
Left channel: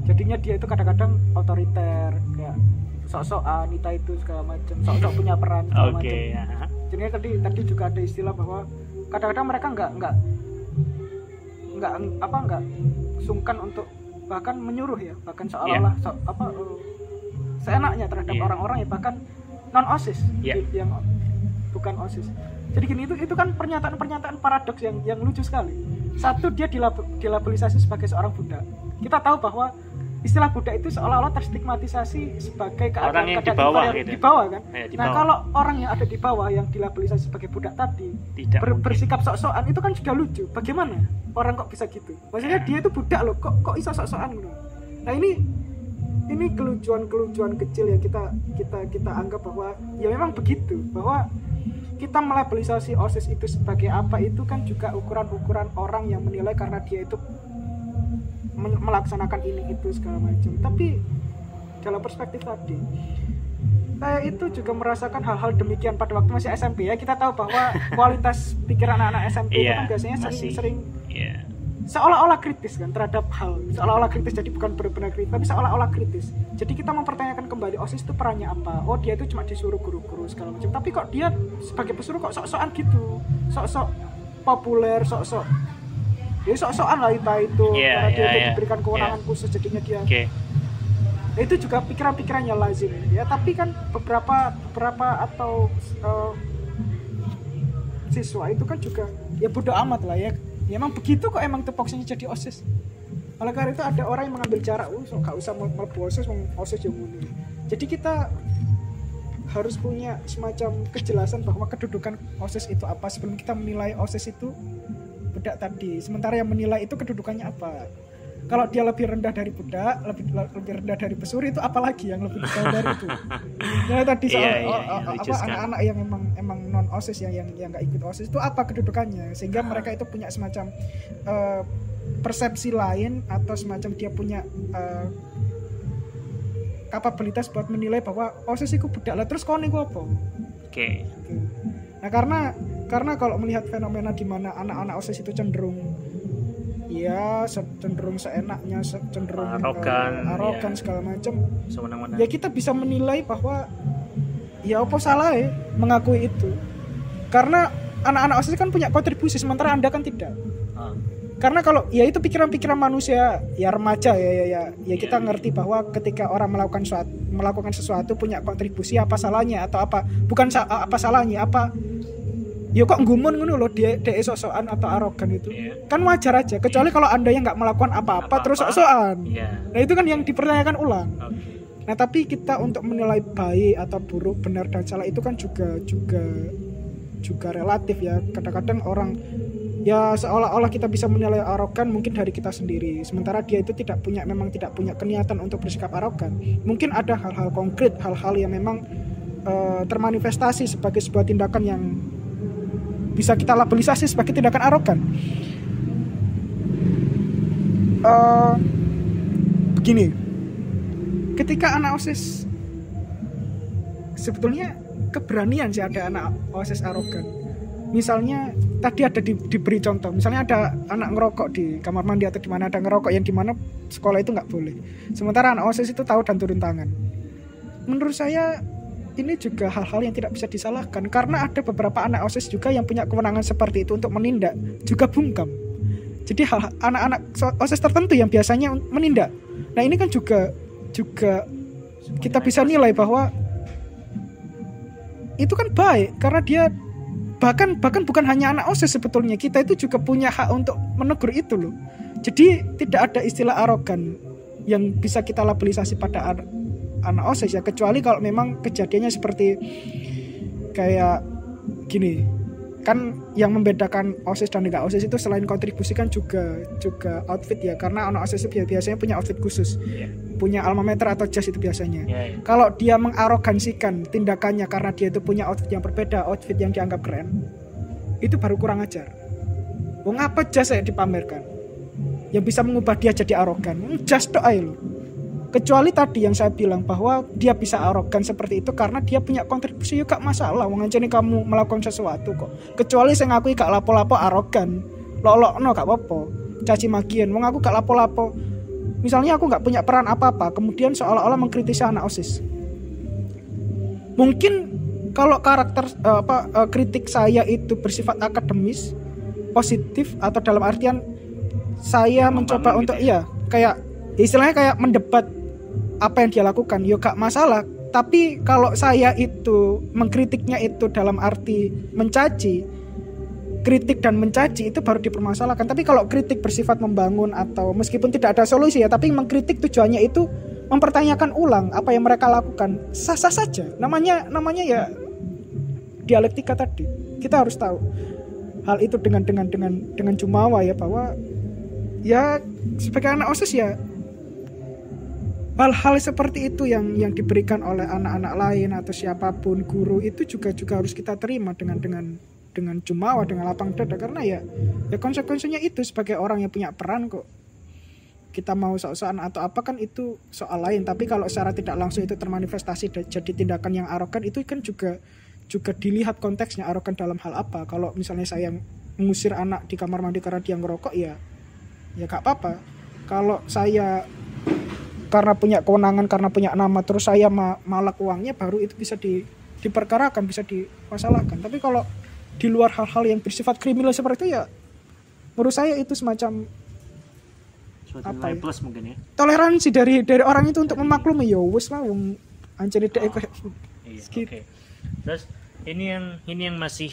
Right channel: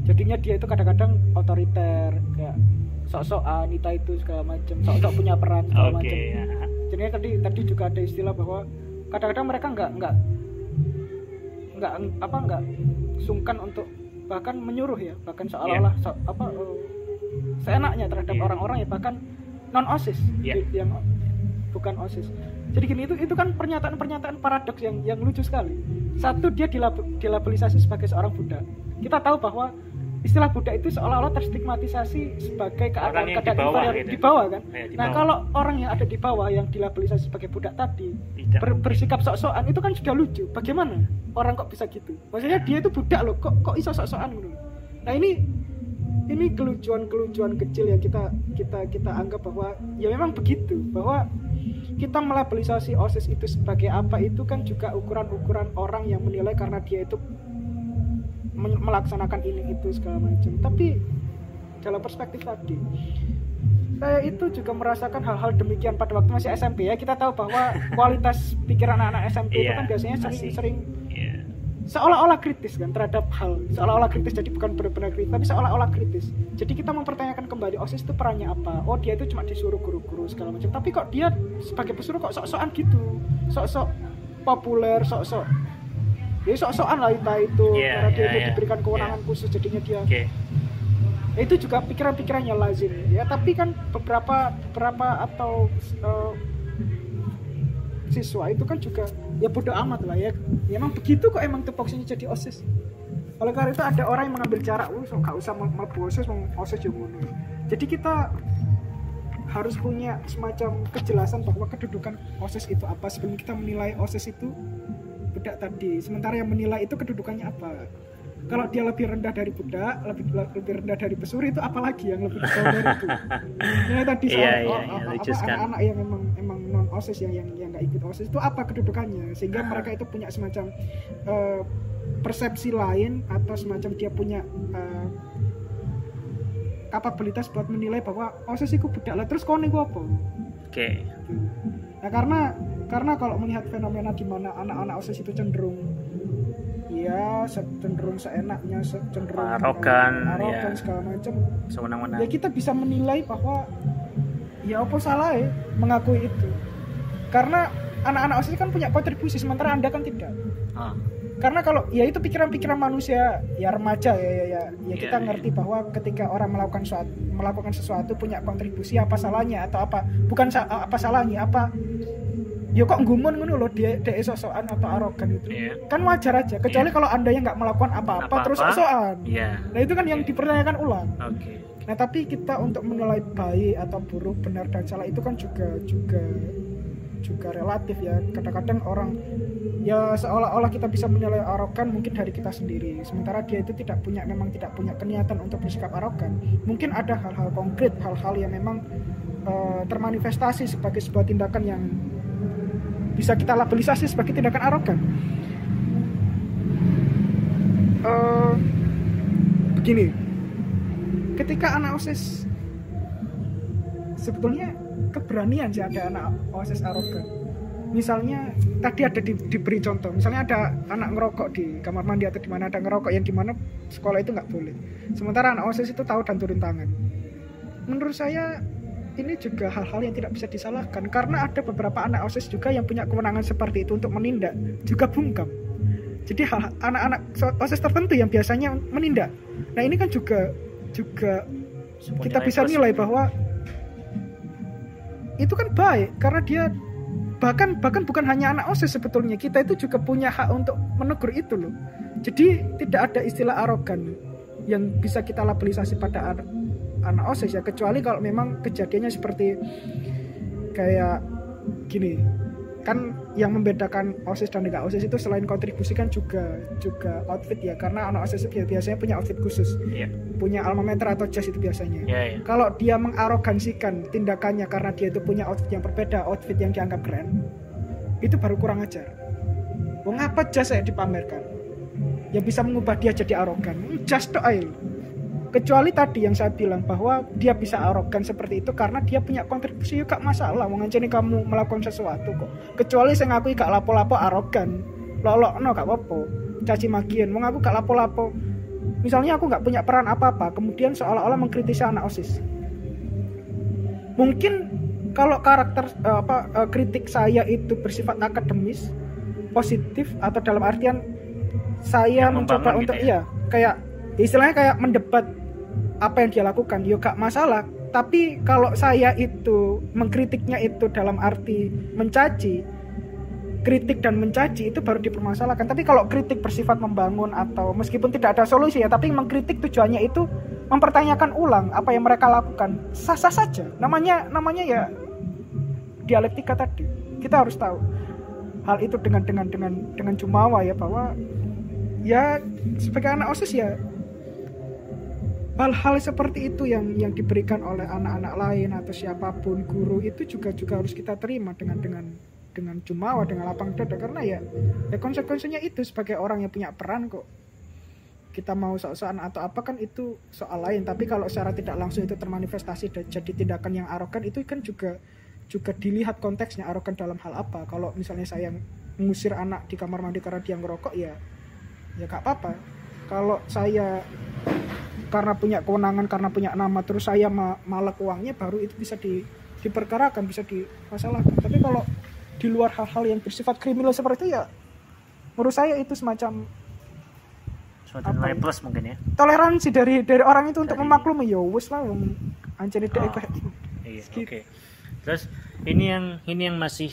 Jadinya dia itu kadang-kadang otoriter, kayak sok-sokan itu segala macam, sok-sok punya peran segala macam. Jadinya tadi juga ada istilah bahwa kadang-kadang mereka nggak sungkan untuk bahkan menyuruh ya, bahkan seolah-olah seenaknya terhadap orang-orang ya, bahkan non OSIS yang bukan OSIS. Jadi gini, itu kan pernyataan paradoks yang lucu sekali. Satu, dia dilabelisasi sebagai seorang budak. Kita tahu bahwa istilah budak itu seolah-olah terstigmatisasi sebagai keadaan di bawah kan. Nah, kalau orang yang ada di bawah yang dilabelisasi sebagai budak tadi bersikap sok-sokan, itu kan sudah lucu. Bagaimana orang kok bisa gitu? Maksudnya dia itu budak loh, kok iso sok-sokan gitu. Nah, ini kelucuan kecil yang kita anggap bahwa ya memang begitu, bahwa kita melabelisasi OSIS itu sebagai apa, itu kan juga ukuran orang yang menilai karena dia itu melaksanakan ini itu segala macam. Tapi dalam perspektif tadi, saya itu juga merasakan hal-hal demikian pada waktu masih SMP ya. Kita tahu bahwa kualitas pikiran anak-anak SMP itu kan biasanya sering seolah-olah kritis kan terhadap hal, seolah-olah kritis, jadi bukan benar-benar kritis tapi seolah-olah kritis. Jadi kita mempertanyakan kembali OSIS itu perannya apa. Dia itu cuma disuruh guru-guru segala macam, tapi kok dia sebagai pesuruh kok sok-sokan gitu, sok-sok populer, sok-sok dia sok-sokan lah itu karena dia itu diberikan kewenangan khusus, jadinya dia itu juga pikiran-pikirannya lazim ya. Tapi kan beberapa atau siswa itu kan juga ya bodo amat lah ya emang begitu kok, emang tupoksinya jadi OSIS. Oleh karena itu ada orang yang mengambil jarak, gak usah melebu OSIS yang mundur. Jadi kita harus punya semacam kejelasan bahwa kedudukan OSIS itu apa sebelum kita menilai OSIS itu budak tadi. Sementara yang menilai itu kedudukannya apa. Kalau dia lebih rendah dari budak, lebih rendah dari pesuri, itu apalagi yang lebih rendah dari itu. Nah tadi soal anak-anak yang emang non OSIS yang nggak ikut OSIS itu apa kedudukannya, sehingga mereka itu punya semacam persepsi lain atau semacam dia punya kapabilitas buat menilai bahwa OSIS itu budak lah, terus kau nih apa? Oke. Nah karena kalau melihat fenomena di mana anak-anak OSIS itu cenderung seenaknya, cenderung arogan segala macam, ya kita bisa menilai bahwa ya apa salah mengakui itu, karena anak-anak OSIS kan punya kontribusi sementara Anda kan tidak. Karena kalau ya itu pikiran-pikiran manusia ya remaja ya kita ngerti bahwa ketika orang melakukan sesuatu punya kontribusi, apa salahnya atau apa bukan apa salahnya, apa ya kok nggumun ngono loh dia sok-sokan atau arogan itu. Kan wajar aja, kecuali kalau Anda yang nggak melakukan apa-apa terus sok-sokan. Nah itu kan yang dipertanyakan ulang. Nah tapi kita untuk menilai baik atau buruk, benar dan salah itu kan juga relatif ya. Kadang-kadang orang ya seolah-olah kita bisa menilai arogan mungkin dari kita sendiri, sementara dia itu memang tidak punya keniatan untuk bersikap arogan. Mungkin ada hal-hal konkret, hal-hal yang memang termanifestasi sebagai sebuah tindakan yang bisa kita labelisasi sebagai tindakan arogan. Begini, ketika anak OSIS sebetulnya keberanian sih ada anak OSIS arogan. Misalnya tadi ada diberi contoh, misalnya ada anak ngerokok di kamar mandi atau di mana ada ngerokok yang dimana sekolah itu nggak boleh, sementara anak OSIS itu tahu dan turun tangan. Menurut saya ini juga hal-hal yang tidak bisa disalahkan, karena ada beberapa anak OSIS juga yang punya kewenangan seperti itu untuk menindak, juga bungkam. Jadi anak-anak OSIS tertentu yang biasanya menindak. Nah ini kan juga kita bisa nilai bahwa itu kan baik, karena dia bahkan bukan hanya anak OSIS, sebetulnya kita itu juga punya hak untuk menegur itu loh. Jadi tidak ada istilah arogan yang bisa kita labelisasi pada anak OSIS ya, kecuali kalau memang kejadiannya seperti kayak gini. Kan yang membedakan OSIS dan enggak OSIS itu selain kontribusi kan juga outfit ya, karena anak OSIS itu biasanya punya outfit khusus, punya alma mater atau jas itu biasanya. Kalau dia mengarogansikan tindakannya karena dia itu punya outfit yang berbeda, outfit yang dianggap keren, itu baru kurang ajar. Wong apa jas saya dipamerkan yang bisa mengubah dia jadi arogan? Jas tok ae. Kecuali tadi yang saya bilang bahwa dia bisa arogan seperti itu karena dia punya kontribusi, ya gak masalah. Wong ancene kamu melakukan sesuatu kok. Kecuali saya ngakui gak lapo-lapo arogan, lolokno gak apa-apa, caci makian. Wong aku gak lapo-lapo. Misalnya aku gak punya peran apa-apa, kemudian seolah-olah mengkritisi anak OSIS. Mungkin kalau karakter kritik saya itu bersifat akademis, positif, atau dalam artian saya mencoba untuk gitu ya? Kayak istilahnya kayak mendebat apa yang dia lakukan, ya gak masalah. Tapi kalau saya itu mengkritiknya itu dalam arti mencaci, kritik dan mencaci itu baru dipermasalahkan. Tapi kalau kritik bersifat membangun atau meskipun tidak ada solusi ya, tapi mengkritik tujuannya itu mempertanyakan ulang apa yang mereka lakukan, sah-sah saja. Namanya ya dialektika tadi. Kita harus tahu hal itu dengan jumawa ya, bahwa ya sebagai anak OSIS ya hal-hal seperti itu yang diberikan oleh anak-anak lain atau siapapun, guru, itu juga harus kita terima dengan jumawa, dengan lapang dada, karena ya konsekuensinya itu sebagai orang yang punya peran kok. Kita mau sok-sokan atau apa kan itu soal lain, tapi kalau secara tidak langsung itu termanifestasi dan jadi tindakan yang arogan, itu kan juga dilihat konteksnya arogan dalam hal apa. Kalau misalnya saya mengusir anak di kamar mandi karena dia ngerokok, ya gak apa-apa. Kalau saya karena punya kewenangan, karena punya nama, terus saya malak uangnya, baru itu bisa diperkarakan, bisa dimasalahkan. Tapi kalau di luar hal-hal yang bersifat kriminal seperti itu, ya menurut saya itu semacam nilai plus mungkin ya, toleransi dari orang itu untuk memaklumi, ya wis lah wong ancene dhek Oke. Terus ini yang masih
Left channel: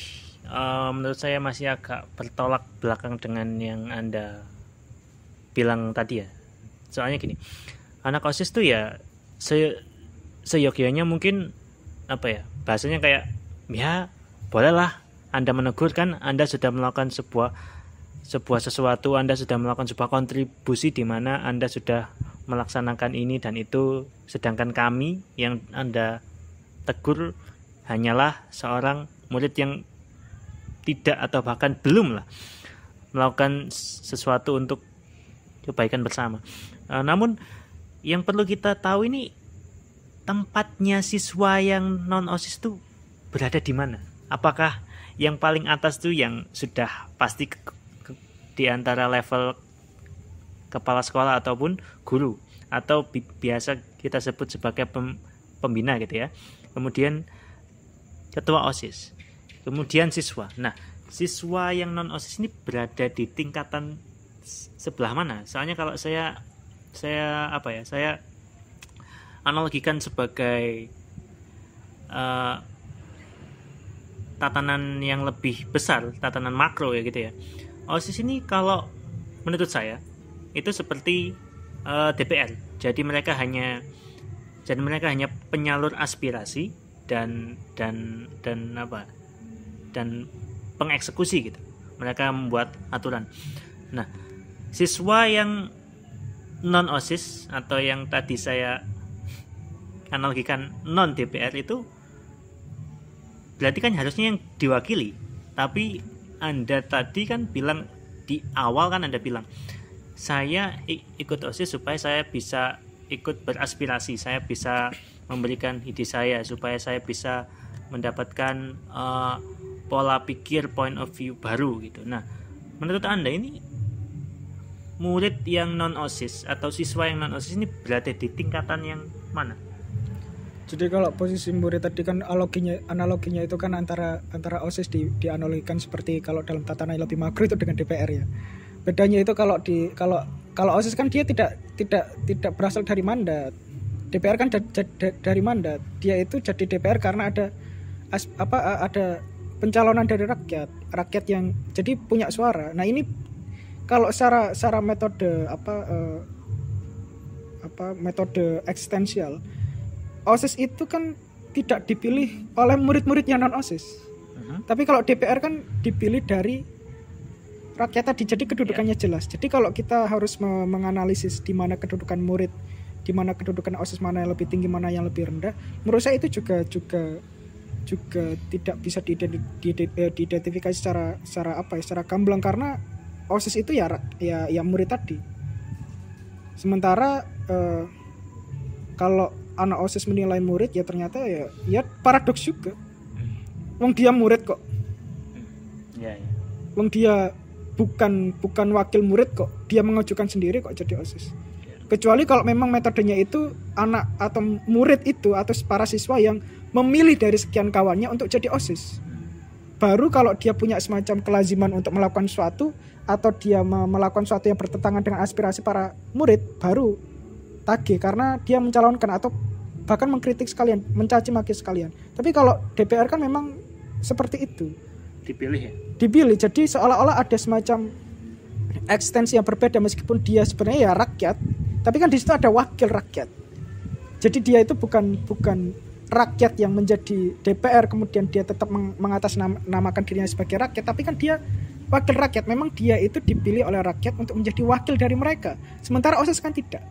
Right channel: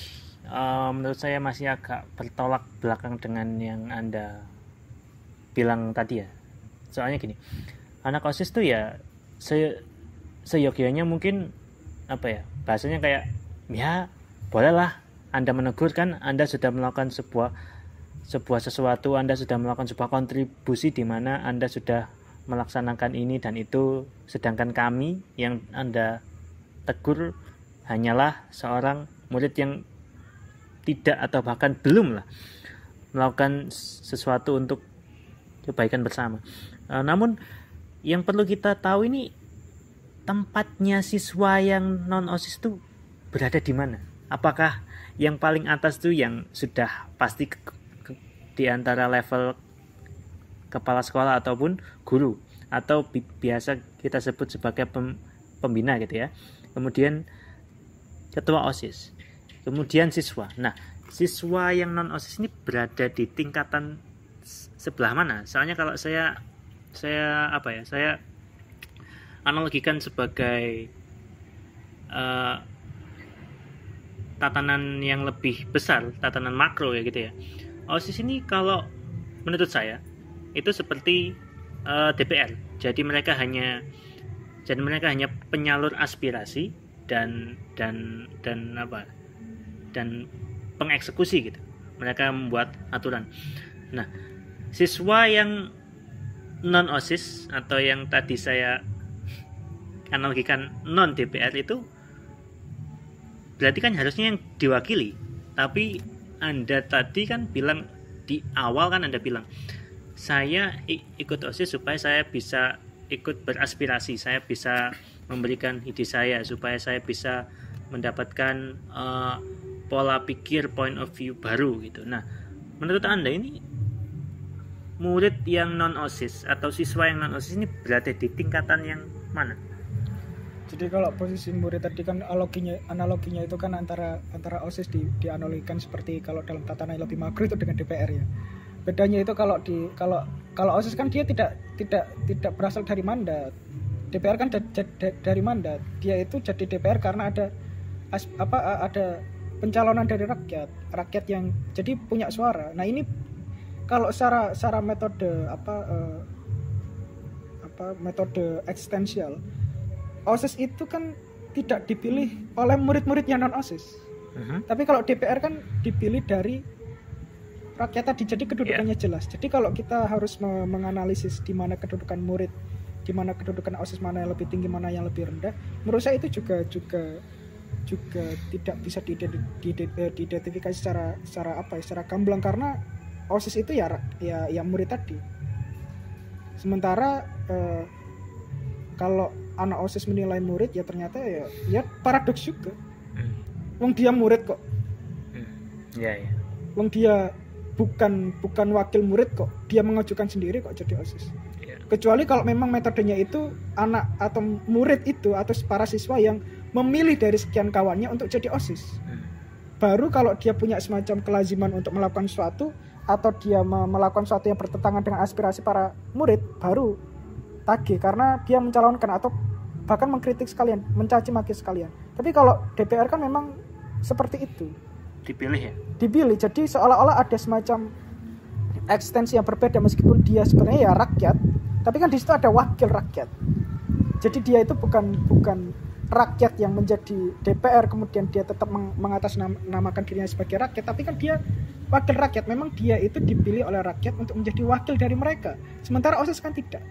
menurut saya masih agak bertolak belakang dengan yang Anda bilang tadi ya. Soalnya gini, anak OSIS tuh ya seyogyanya mungkin apa ya, bahasanya kayak ya bolehlah Anda menegur, kan Anda sudah melakukan sebuah sesuatu, Anda sudah melakukan sebuah kontribusi di mana Anda sudah melaksanakan ini dan itu, sedangkan kami yang Anda tegur hanyalah seorang murid yang tidak atau bahkan belum lah melakukan sesuatu untuk kebaikan bersama. Namun yang perlu kita tahu ini, tempatnya siswa yang non-OSIS itu berada di mana? Apakah yang paling atas itu yang sudah pasti di antara level kepala sekolah ataupun guru, atau biasa kita sebut sebagai pembina gitu ya. Kemudian ketua OSIS, kemudian siswa. Nah, siswa yang non OSIS ini berada di tingkatan sebelah mana? Soalnya kalau saya analogikan sebagai tatanan yang lebih besar, tatanan makro ya gitu ya. OSIS ini kalau menurut saya itu seperti DPR. Jadi mereka hanya penyalur aspirasi dan pengeksekusi gitu. Mereka membuat aturan. Nah, siswa yang non OSIS atau yang tadi saya analogikan non DPR itu berarti kan harusnya yang diwakili. Tapi Anda tadi kan bilang di awal, kan Anda bilang saya ikut OSIS supaya saya bisa ikut beraspirasi, saya bisa memberikan ide saya, supaya saya bisa mendapatkan pola pikir, point of view baru gitu. Nah, menurut Anda ini murid yang non OSIS atau siswa yang non OSIS ini berada di tingkatan yang mana? Jadi kalau posisi murid tadi kan analoginya itu kan antara OSIS dianalogikan seperti kalau dalam tatanan yang lebih makro itu dengan DPR ya. Bedanya itu kalau OSIS kan dia tidak berasal dari mandat. DPR kan dari mandat. Dia itu jadi DPR karena ada pencalonan dari rakyat yang jadi punya suara. Nah, ini kalau secara metode metode eksistensial, OSIS itu kan tidak dipilih oleh murid-muridnya non OSIS. Tapi kalau DPR kan dipilih dari rakyat tadi, jadi kedudukannya jelas. Jadi kalau kita harus menganalisis di mana kedudukan murid, di mana kedudukan OSIS, mana yang lebih tinggi, mana yang lebih rendah, menurut saya itu juga tidak bisa diidentifikasi secara gamblang, karena OSIS itu ya murid tadi. Sementara kalau anak OSIS menilai murid, ya ternyata ya paradoks juga. Wong dia murid kok. Wong dia bukan wakil murid kok, dia mengajukan sendiri kok jadi OSIS. Kecuali kalau memang metodenya itu anak atau murid itu atau para siswa yang memilih dari sekian kawannya untuk jadi OSIS. Baru kalau dia punya semacam kelaziman untuk melakukan sesuatu, atau dia melakukan sesuatu yang bertentangan dengan aspirasi para murid, baru tagih karena dia mencalonkan atau bahkan mengkritik sekalian, mencaci maki sekalian. Tapi kalau DPR kan memang seperti itu. Dipilih. Jadi seolah-olah ada semacam ekstensi yang berbeda, meskipun dia sebenarnya ya rakyat, tapi kan di situ ada wakil rakyat. Jadi dia itu bukan rakyat yang menjadi DPR kemudian dia tetap mengatasnamakan dirinya sebagai rakyat, tapi kan dia wakil rakyat. Memang dia itu dipilih oleh rakyat untuk menjadi wakil dari mereka. Sementara OSIS kan tidak.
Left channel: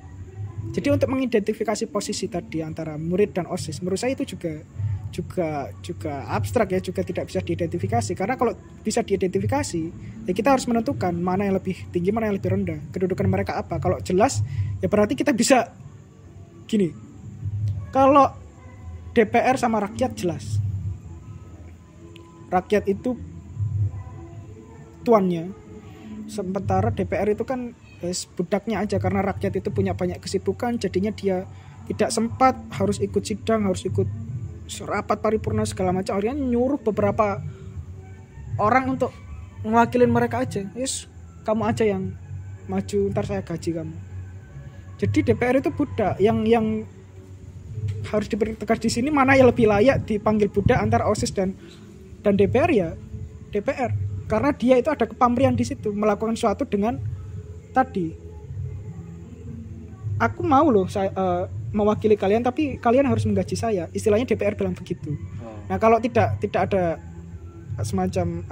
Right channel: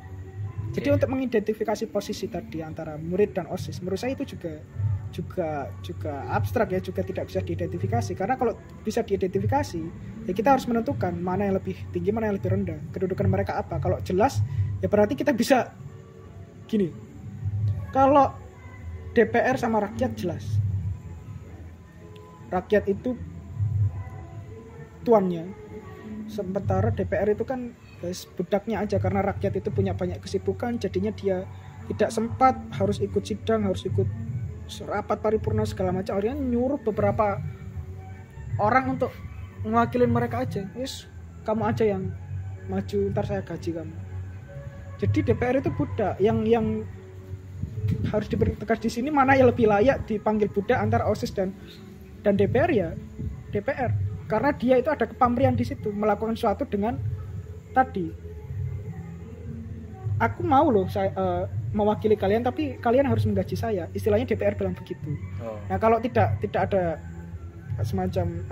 Jadi untuk mengidentifikasi posisi tadi antara murid dan OSIS, menurut saya itu juga abstrak ya, juga tidak bisa diidentifikasi. Karena kalau bisa diidentifikasi, ya kita harus menentukan mana yang lebih tinggi, mana yang lebih rendah, kedudukan mereka apa. Kalau jelas, ya berarti kita bisa gini. Kalau DPR sama rakyat jelas, rakyat itu tuannya, sementara DPR itu kan budaknya aja, karena rakyat itu punya banyak kesibukan, jadinya dia tidak sempat, harus ikut sidang, harus ikut rapat paripurna segala macam. Akhirnya nyuruh beberapa orang untuk mewakilin mereka aja. Yes, kamu aja yang maju, ntar saya gaji kamu. Jadi DPR itu budak. Yang harus dipertegas di sini, mana yang lebih layak dipanggil budak antara OSIS dan DPR, ya DPR. Karena dia itu ada kepamrian di situ, melakukan sesuatu dengan tadi, aku mau loh saya mewakili kalian, tapi kalian harus menggaji saya. Istilahnya DPR bilang begitu. Nah, kalau tidak ada semacam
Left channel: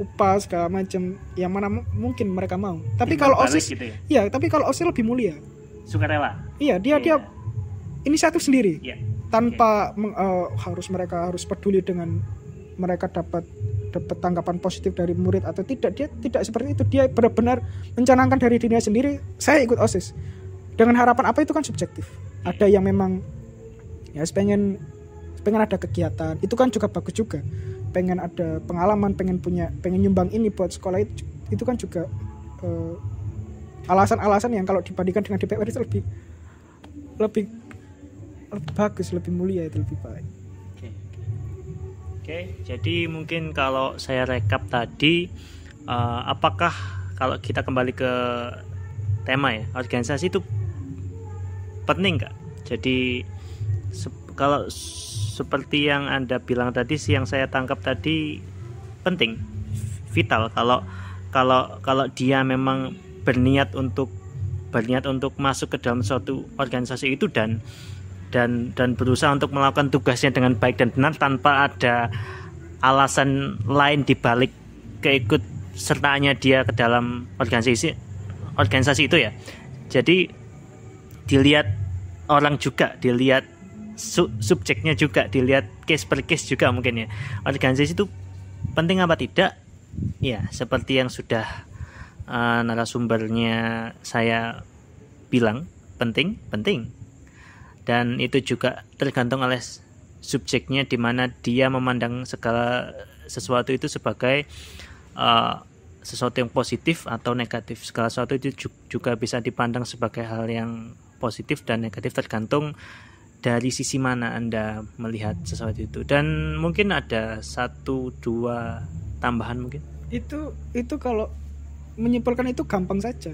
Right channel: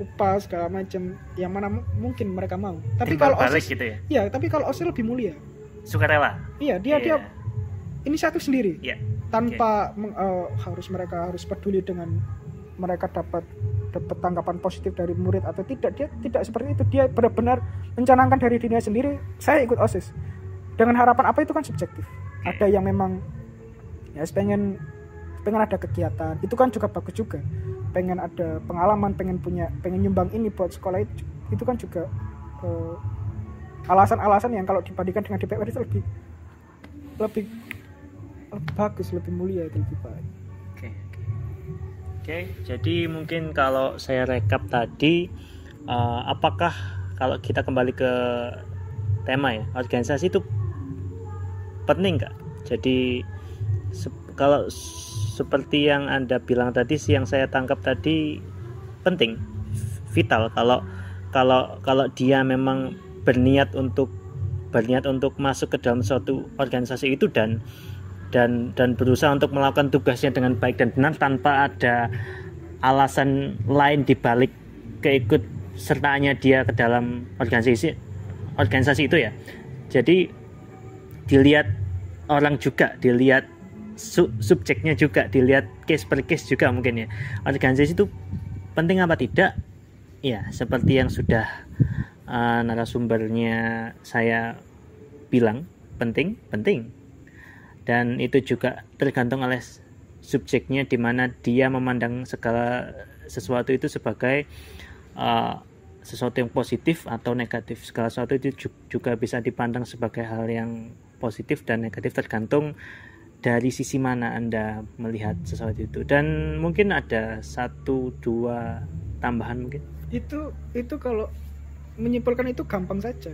upah segala macam yang mana mungkin mereka mau. Tapi Timbal kalau balik OSIS gitu ya. iya, tapi kalau OSIS lebih mulia. Sukarela. Iya, dia inisiatif sendiri. Iya. Tanpa mereka harus peduli dengan mereka dapat tanggapan positif dari murid atau tidak. Dia tidak seperti itu. Dia benar-benar mencanangkan dari dirinya sendiri, saya ikut OSIS. Dengan harapan apa itu kan subjektif. Ada yang memang ya pengen ada kegiatan, itu kan juga bagus juga. Pengen ada pengalaman, pengen nyumbang ini buat sekolah, itu kan juga alasan-alasan yang kalau dibandingkan dengan DPR itu lebih bagus, lebih mulia, itu lebih baik. Oke, jadi mungkin kalau saya rekap tadi, apakah kalau kita kembali ke tema ya, organisasi itu penting nggak? Jadi kalau seperti yang Anda bilang tadi sih, yang saya tangkap tadi penting, vital. Kalau dia memang berniat untuk masuk ke dalam suatu organisasi itu dan berusaha untuk melakukan tugasnya dengan baik dan benar tanpa ada alasan lain di balik keikut sertaannya dia ke dalam organisasi itu ya. Jadi dilihat orang juga, dilihat subjeknya juga, dilihat case per case juga mungkin ya. Organisasi itu penting apa tidak? Ya, seperti yang sudah narasumbernya saya bilang, penting. Dan itu juga tergantung oleh subjeknya, di mana dia memandang segala sesuatu itu sebagai sesuatu yang positif atau negatif. Segala sesuatu itu juga bisa dipandang sebagai hal yang positif dan negatif, tergantung dari sisi mana Anda melihat sesuatu itu. Dan mungkin ada 1-2 tambahan mungkin. Itu kalau menyimpulkan itu gampang saja.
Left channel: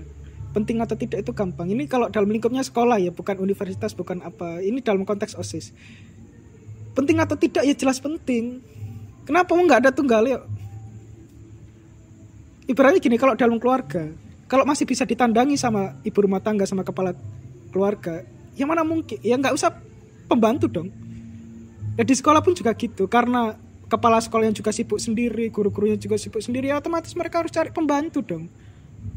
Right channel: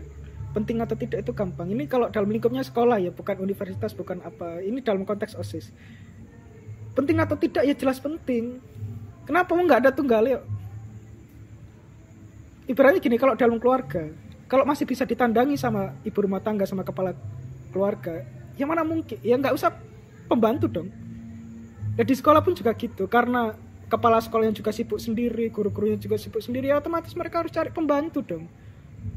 Penting atau tidak itu gampang. Ini kalau dalam lingkupnya sekolah ya, bukan universitas, bukan apa. Ini dalam konteks OSIS. Penting atau tidak ya jelas penting. Kenapa nggak ada tunggal ya? Ibaratnya gini, kalau dalam keluarga, kalau masih bisa ditandangi sama ibu rumah tangga, sama kepala keluarga, ya mana mungkin, ya nggak usah pembantu dong. Ya di sekolah pun juga gitu, karena kepala sekolah yang juga sibuk sendiri, guru-gurunya juga sibuk sendiri, ya otomatis mereka harus cari pembantu dong.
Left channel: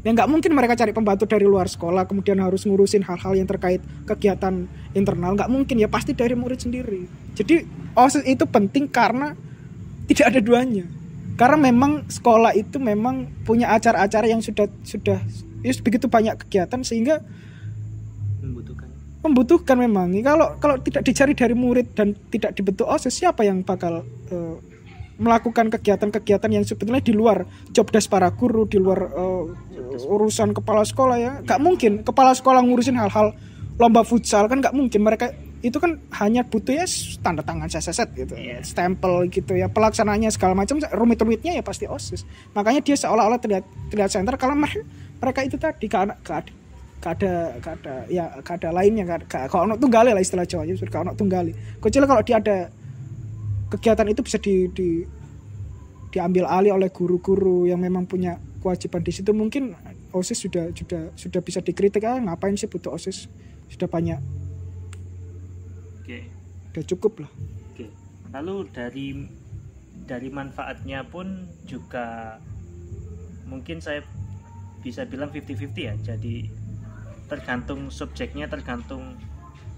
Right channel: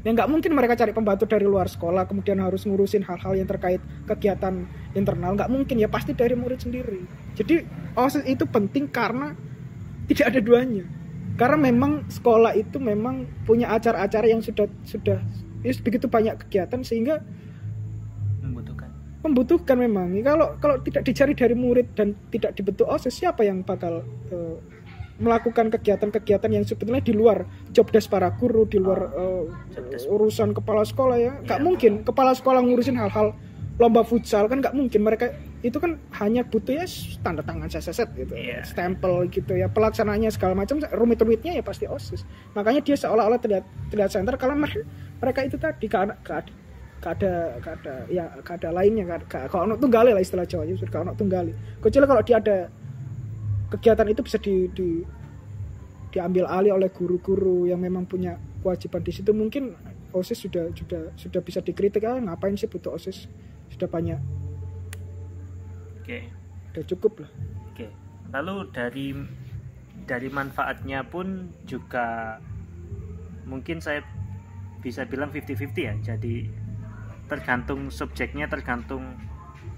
Ya nggak mungkin mereka cari pembantu dari luar sekolah, kemudian harus ngurusin hal-hal yang terkait kegiatan internal, nggak mungkin, ya pasti dari murid sendiri. Jadi OSIS itu penting karena tidak ada duanya. Karena memang sekolah itu memang punya acara-acara yang sudah begitu banyak kegiatan sehingga membutuhkan memang. Kalau tidak dicari dari murid dan tidak dibentuk OSIS, siapa yang bakal melakukan kegiatan-kegiatan yang sebetulnya di luar job desk para guru, di luar urusan kepala sekolah ya. Nggak mungkin kepala sekolah ngurusin hal-hal lomba futsal, kan nggak mungkin. Mereka itu kan hanya butuh ya tanda tangan set gitu, stempel gitu ya, pelaksananya segala macam, rumit-rumitnya ya pasti OSIS. Makanya dia seolah-olah terlihat center, kalau mereka itu tadi gak ada lainnya, kalau ono tunggale lah istilah Jawa, kalau ono tunggale. Kecuali kalau dia ada kegiatan itu bisa diambil alih oleh guru-guru yang memang punya kewajiban di situ, mungkin OSIS sudah bisa dikritik, ngapain sih butuh OSIS, sudah banyak. Oke. Udah cukup lah. Oke. Lalu dari manfaatnya pun juga mungkin saya bisa bilang 50-50 ya. Jadi tergantung subjeknya, tergantung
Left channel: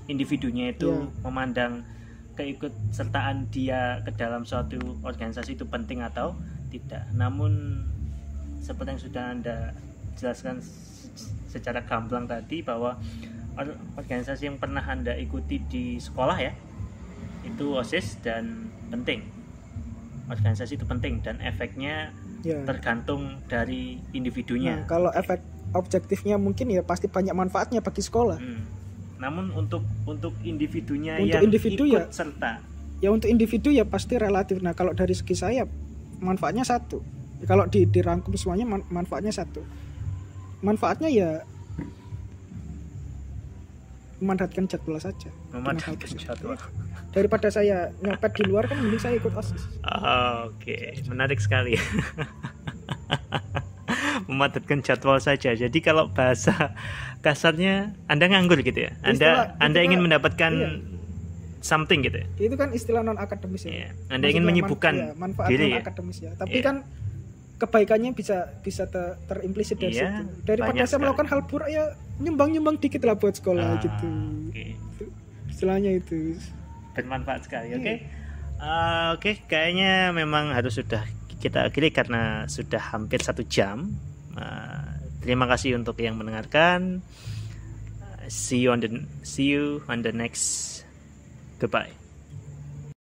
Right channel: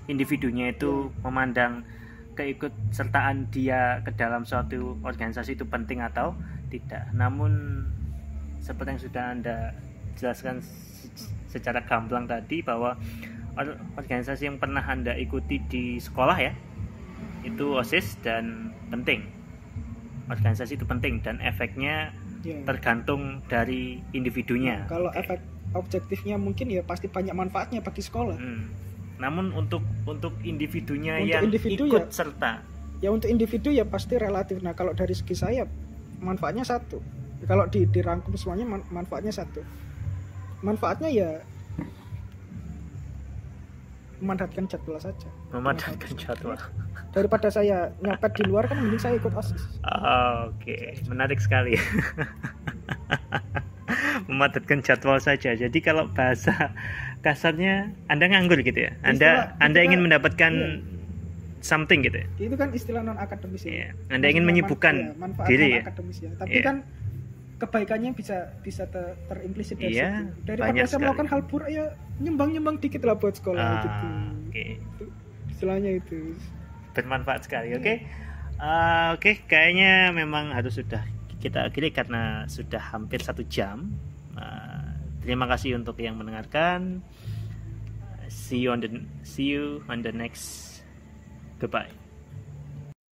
individunya itu memandang keikutsertaan dia ke dalam suatu organisasi itu penting atau tidak. Namun seperti yang sudah Anda jelaskan secara gamblang tadi, bahwa organisasi yang pernah Anda ikuti di sekolah ya, itu OSIS dan penting. Organisasi itu penting dan efeknya tergantung dari individunya. Nah, kalau efek objektifnya mungkin ya pasti banyak manfaatnya bagi sekolah. Namun untuk individunya untuk yang individu ikut ya, serta. Ya untuk individu ya pasti relatif. Nah kalau dari segi saya manfaatnya satu. Kalau dirangkum semuanya manfaatnya satu. Manfaatnya ya memanfaatkan jadwal saja. Memanfaatkan jadwal. Daripada saya nyopet di luar, kan mending saya ikut OSIS. Oke, menarik sekali. Memanfaatkan jadwal saja. Jadi kalau bahasa kasarnya Anda nganggur gitu ya. Anda ingin mendapatkan something gitu ya. Itu kan istilah non akademis ya. Anda ingin menyibukkan diri ya. Akademis ya. Tapi kan kebaikannya bisa terimplisit dari Iya, situ. Daripada banyak saya melakukan hal buruk ya nyumbang dikit lah buat sekolah gitu. Itu, istilahnya itu bermanfaat sekali. Oke, kayaknya memang harus sudah kita akhiri karena sudah hampir 1 jam. Terima kasih untuk yang mendengarkan. See you on the next. Goodbye.